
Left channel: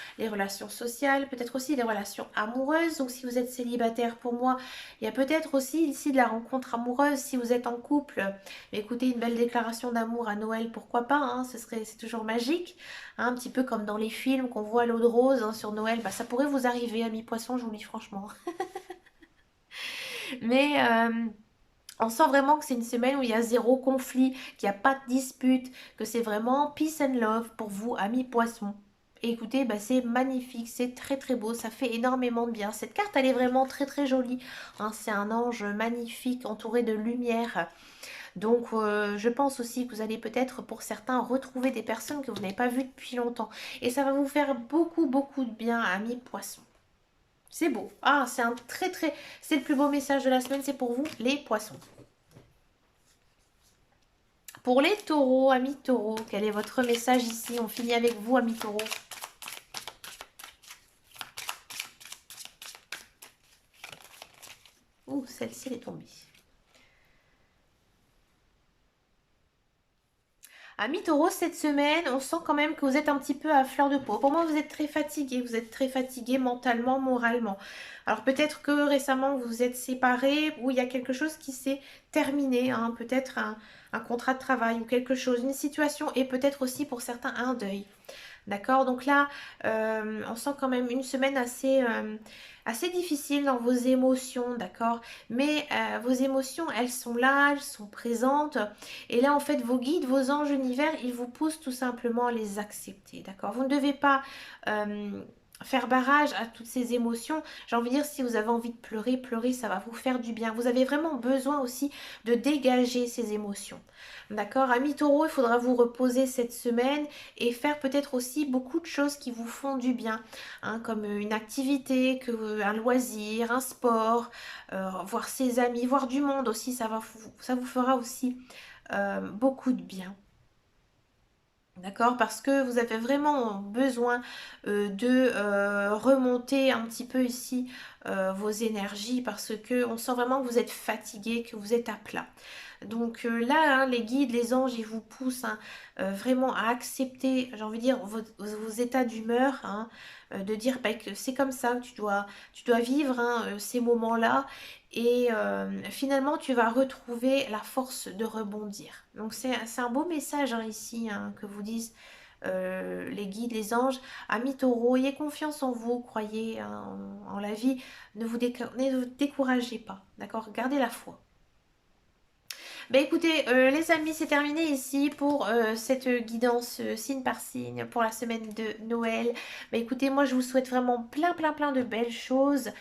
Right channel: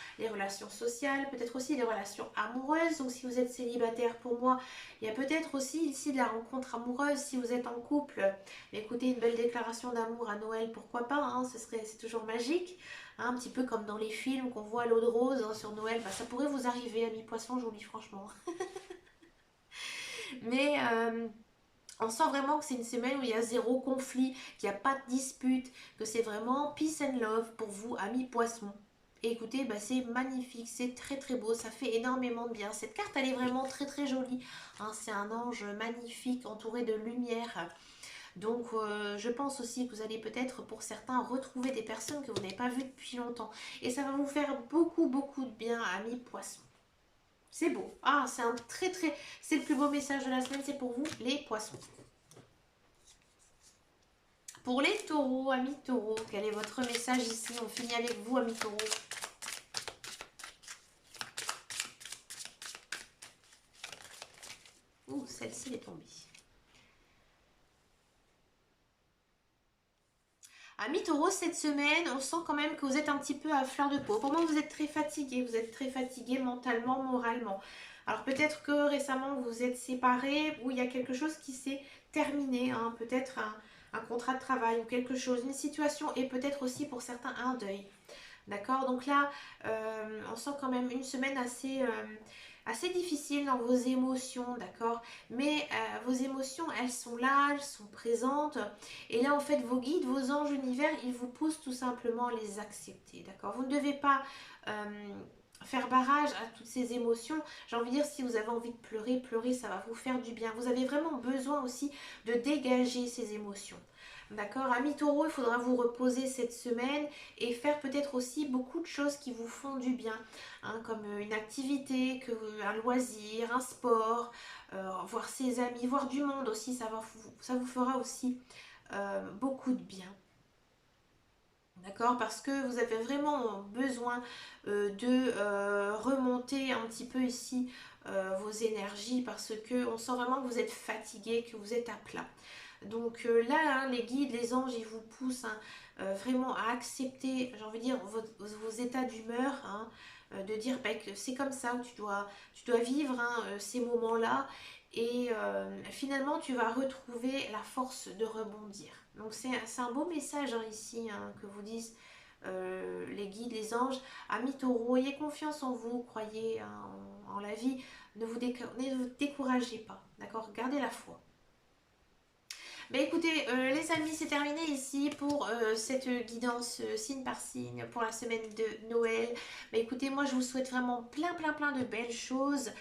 sociales, peut-être aussi les relations amoureuses. Donc si vous êtes célibataire, pour moi, il y a peut-être aussi ici de la rencontre amoureuse. Si vous êtes en couple, écoutez, une belle déclaration d'amour à Noël, pourquoi pas, c'est toujours magique. Un petit peu comme dans les films qu'on voit à l'eau de rose sur Noël, ça pourrait vous arriver, amis poissons, je vous le dis franchement. Mais on sent vraiment que c'est une semaine où il y a zéro conflit, qu'il n'y a pas de dispute, que c'est vraiment peace and love pour vous, amis poissons. Et écoutez, c'est magnifique, c'est très très beau, ça fait énormément de bien. Cette carte, elle est vraiment très très jolie. C'est un ange magnifique entouré de lumière. Donc je pense aussi que vous allez peut-être pour certains retrouver des personnes que vous n'avez pas vues depuis longtemps. Et ça va vous faire beaucoup beaucoup de bien, amis poissons. C'est beau. C'est un très très... C'est le plus beau message de la semaine, c'est pour vous, les poissons. Pour les taureaux, amis taureaux, quel est votre message ici? On finit avec vous, amis taureaux. Ouh, celle-ci est tombée. Amis taureau, cette semaine, on sent quand même que vous êtes un petit peu à fleur de peau. Pour moi, vous êtes très fatigué mentalement, moralement. Alors peut-être que récemment, vous vous êtes séparés ou il y a quelque chose qui s'est terminé, peut-être un contrat de travail ou quelque chose, une situation et peut-être aussi pour certains un deuil. D'accord? Donc là, on sent quand même une semaine assez difficile dans vos émotions, d'accord? Mais vos émotions, elles sont là, elles sont présentes. Et là, en fait, vos guides, vos anges univers, ils vous poussent tout simplement à les accepter, d'accord? Vous ne devez pas faire barrage à toutes ces émotions. J'ai envie de dire, si vous avez envie de pleurer, pleurer, ça va vous faire du bien. Vous avez vraiment besoin aussi de dégager ces émotions. D'accord? Ami Taureau, il faudra vous reposer cette semaine et faire peut-être aussi beaucoup de choses qui vous font du bien, hein, comme une activité, un loisir, un sport, voir ses amis, voir du monde aussi, ça vous fera aussi beaucoup de bien. D'accord? Parce que vous avez vraiment besoin de remonter un petit peu ici vos énergies parce que on sent vraiment que vous êtes fatigué, que vous êtes à plat. Donc là, hein, les guides, les anges, ils vous poussent, hein, vraiment à accepter, j'ai envie de dire, vos états d'humeur, hein, de dire bah, que c'est comme ça, tu dois vivre, hein, ces moments-là et finalement tu vas retrouver la force de rebondir. Donc c'est un beau message, hein, ici, hein, que vous disent les guides, les anges. Amis taureaux, ayez confiance en vous, croyez, hein, en la vie, ne vous découragez pas, d'accord? Gardez la foi. Bah écoutez, les amis, c'est terminé ici pour cette guidance signe par signe pour la semaine de Noël. Bah écoutez, moi je vous souhaite vraiment plein de belles choses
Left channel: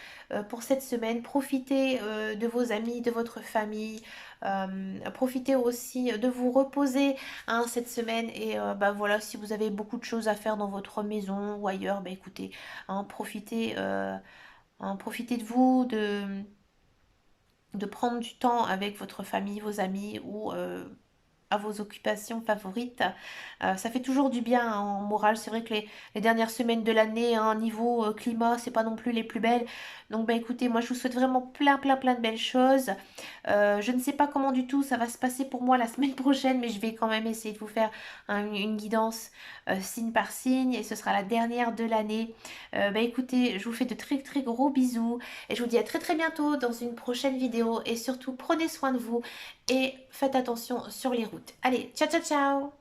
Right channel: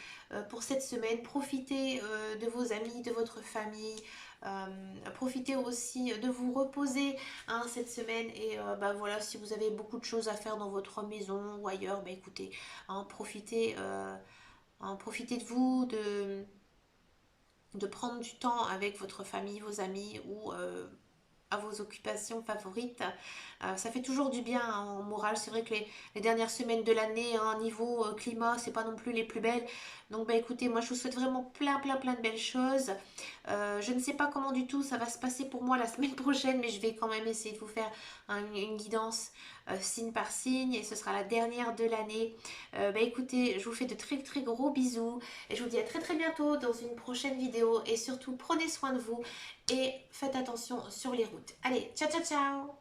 pour cette semaine. Profitez de vos amis, de votre famille. Profitez aussi de vous reposer, hein, cette semaine. Et bah voilà, si vous avez beaucoup de choses à faire dans votre maison ou ailleurs, bah écoutez, hein, profitez de vous, de prendre du temps avec votre famille, vos amis ou à vos occupations favorites. Ça fait toujours du bien, hein, en moral. C'est vrai que les dernières semaines de l'année, hein, niveau climat, c'est pas non plus les plus belles. Donc bah écoutez, moi je vous souhaite vraiment plein de belles choses. Je ne sais pas comment du tout ça va se passer pour moi la semaine prochaine, mais je vais quand même essayer de vous faire une guidance signe par signe et ce sera la dernière de l'année. Bah écoutez, je vous fais de très gros bisous et je vous dis à très bientôt dans une prochaine vidéo et surtout prenez soin de vous et faites attention sur les routes. Allez, ciao ciao ciao!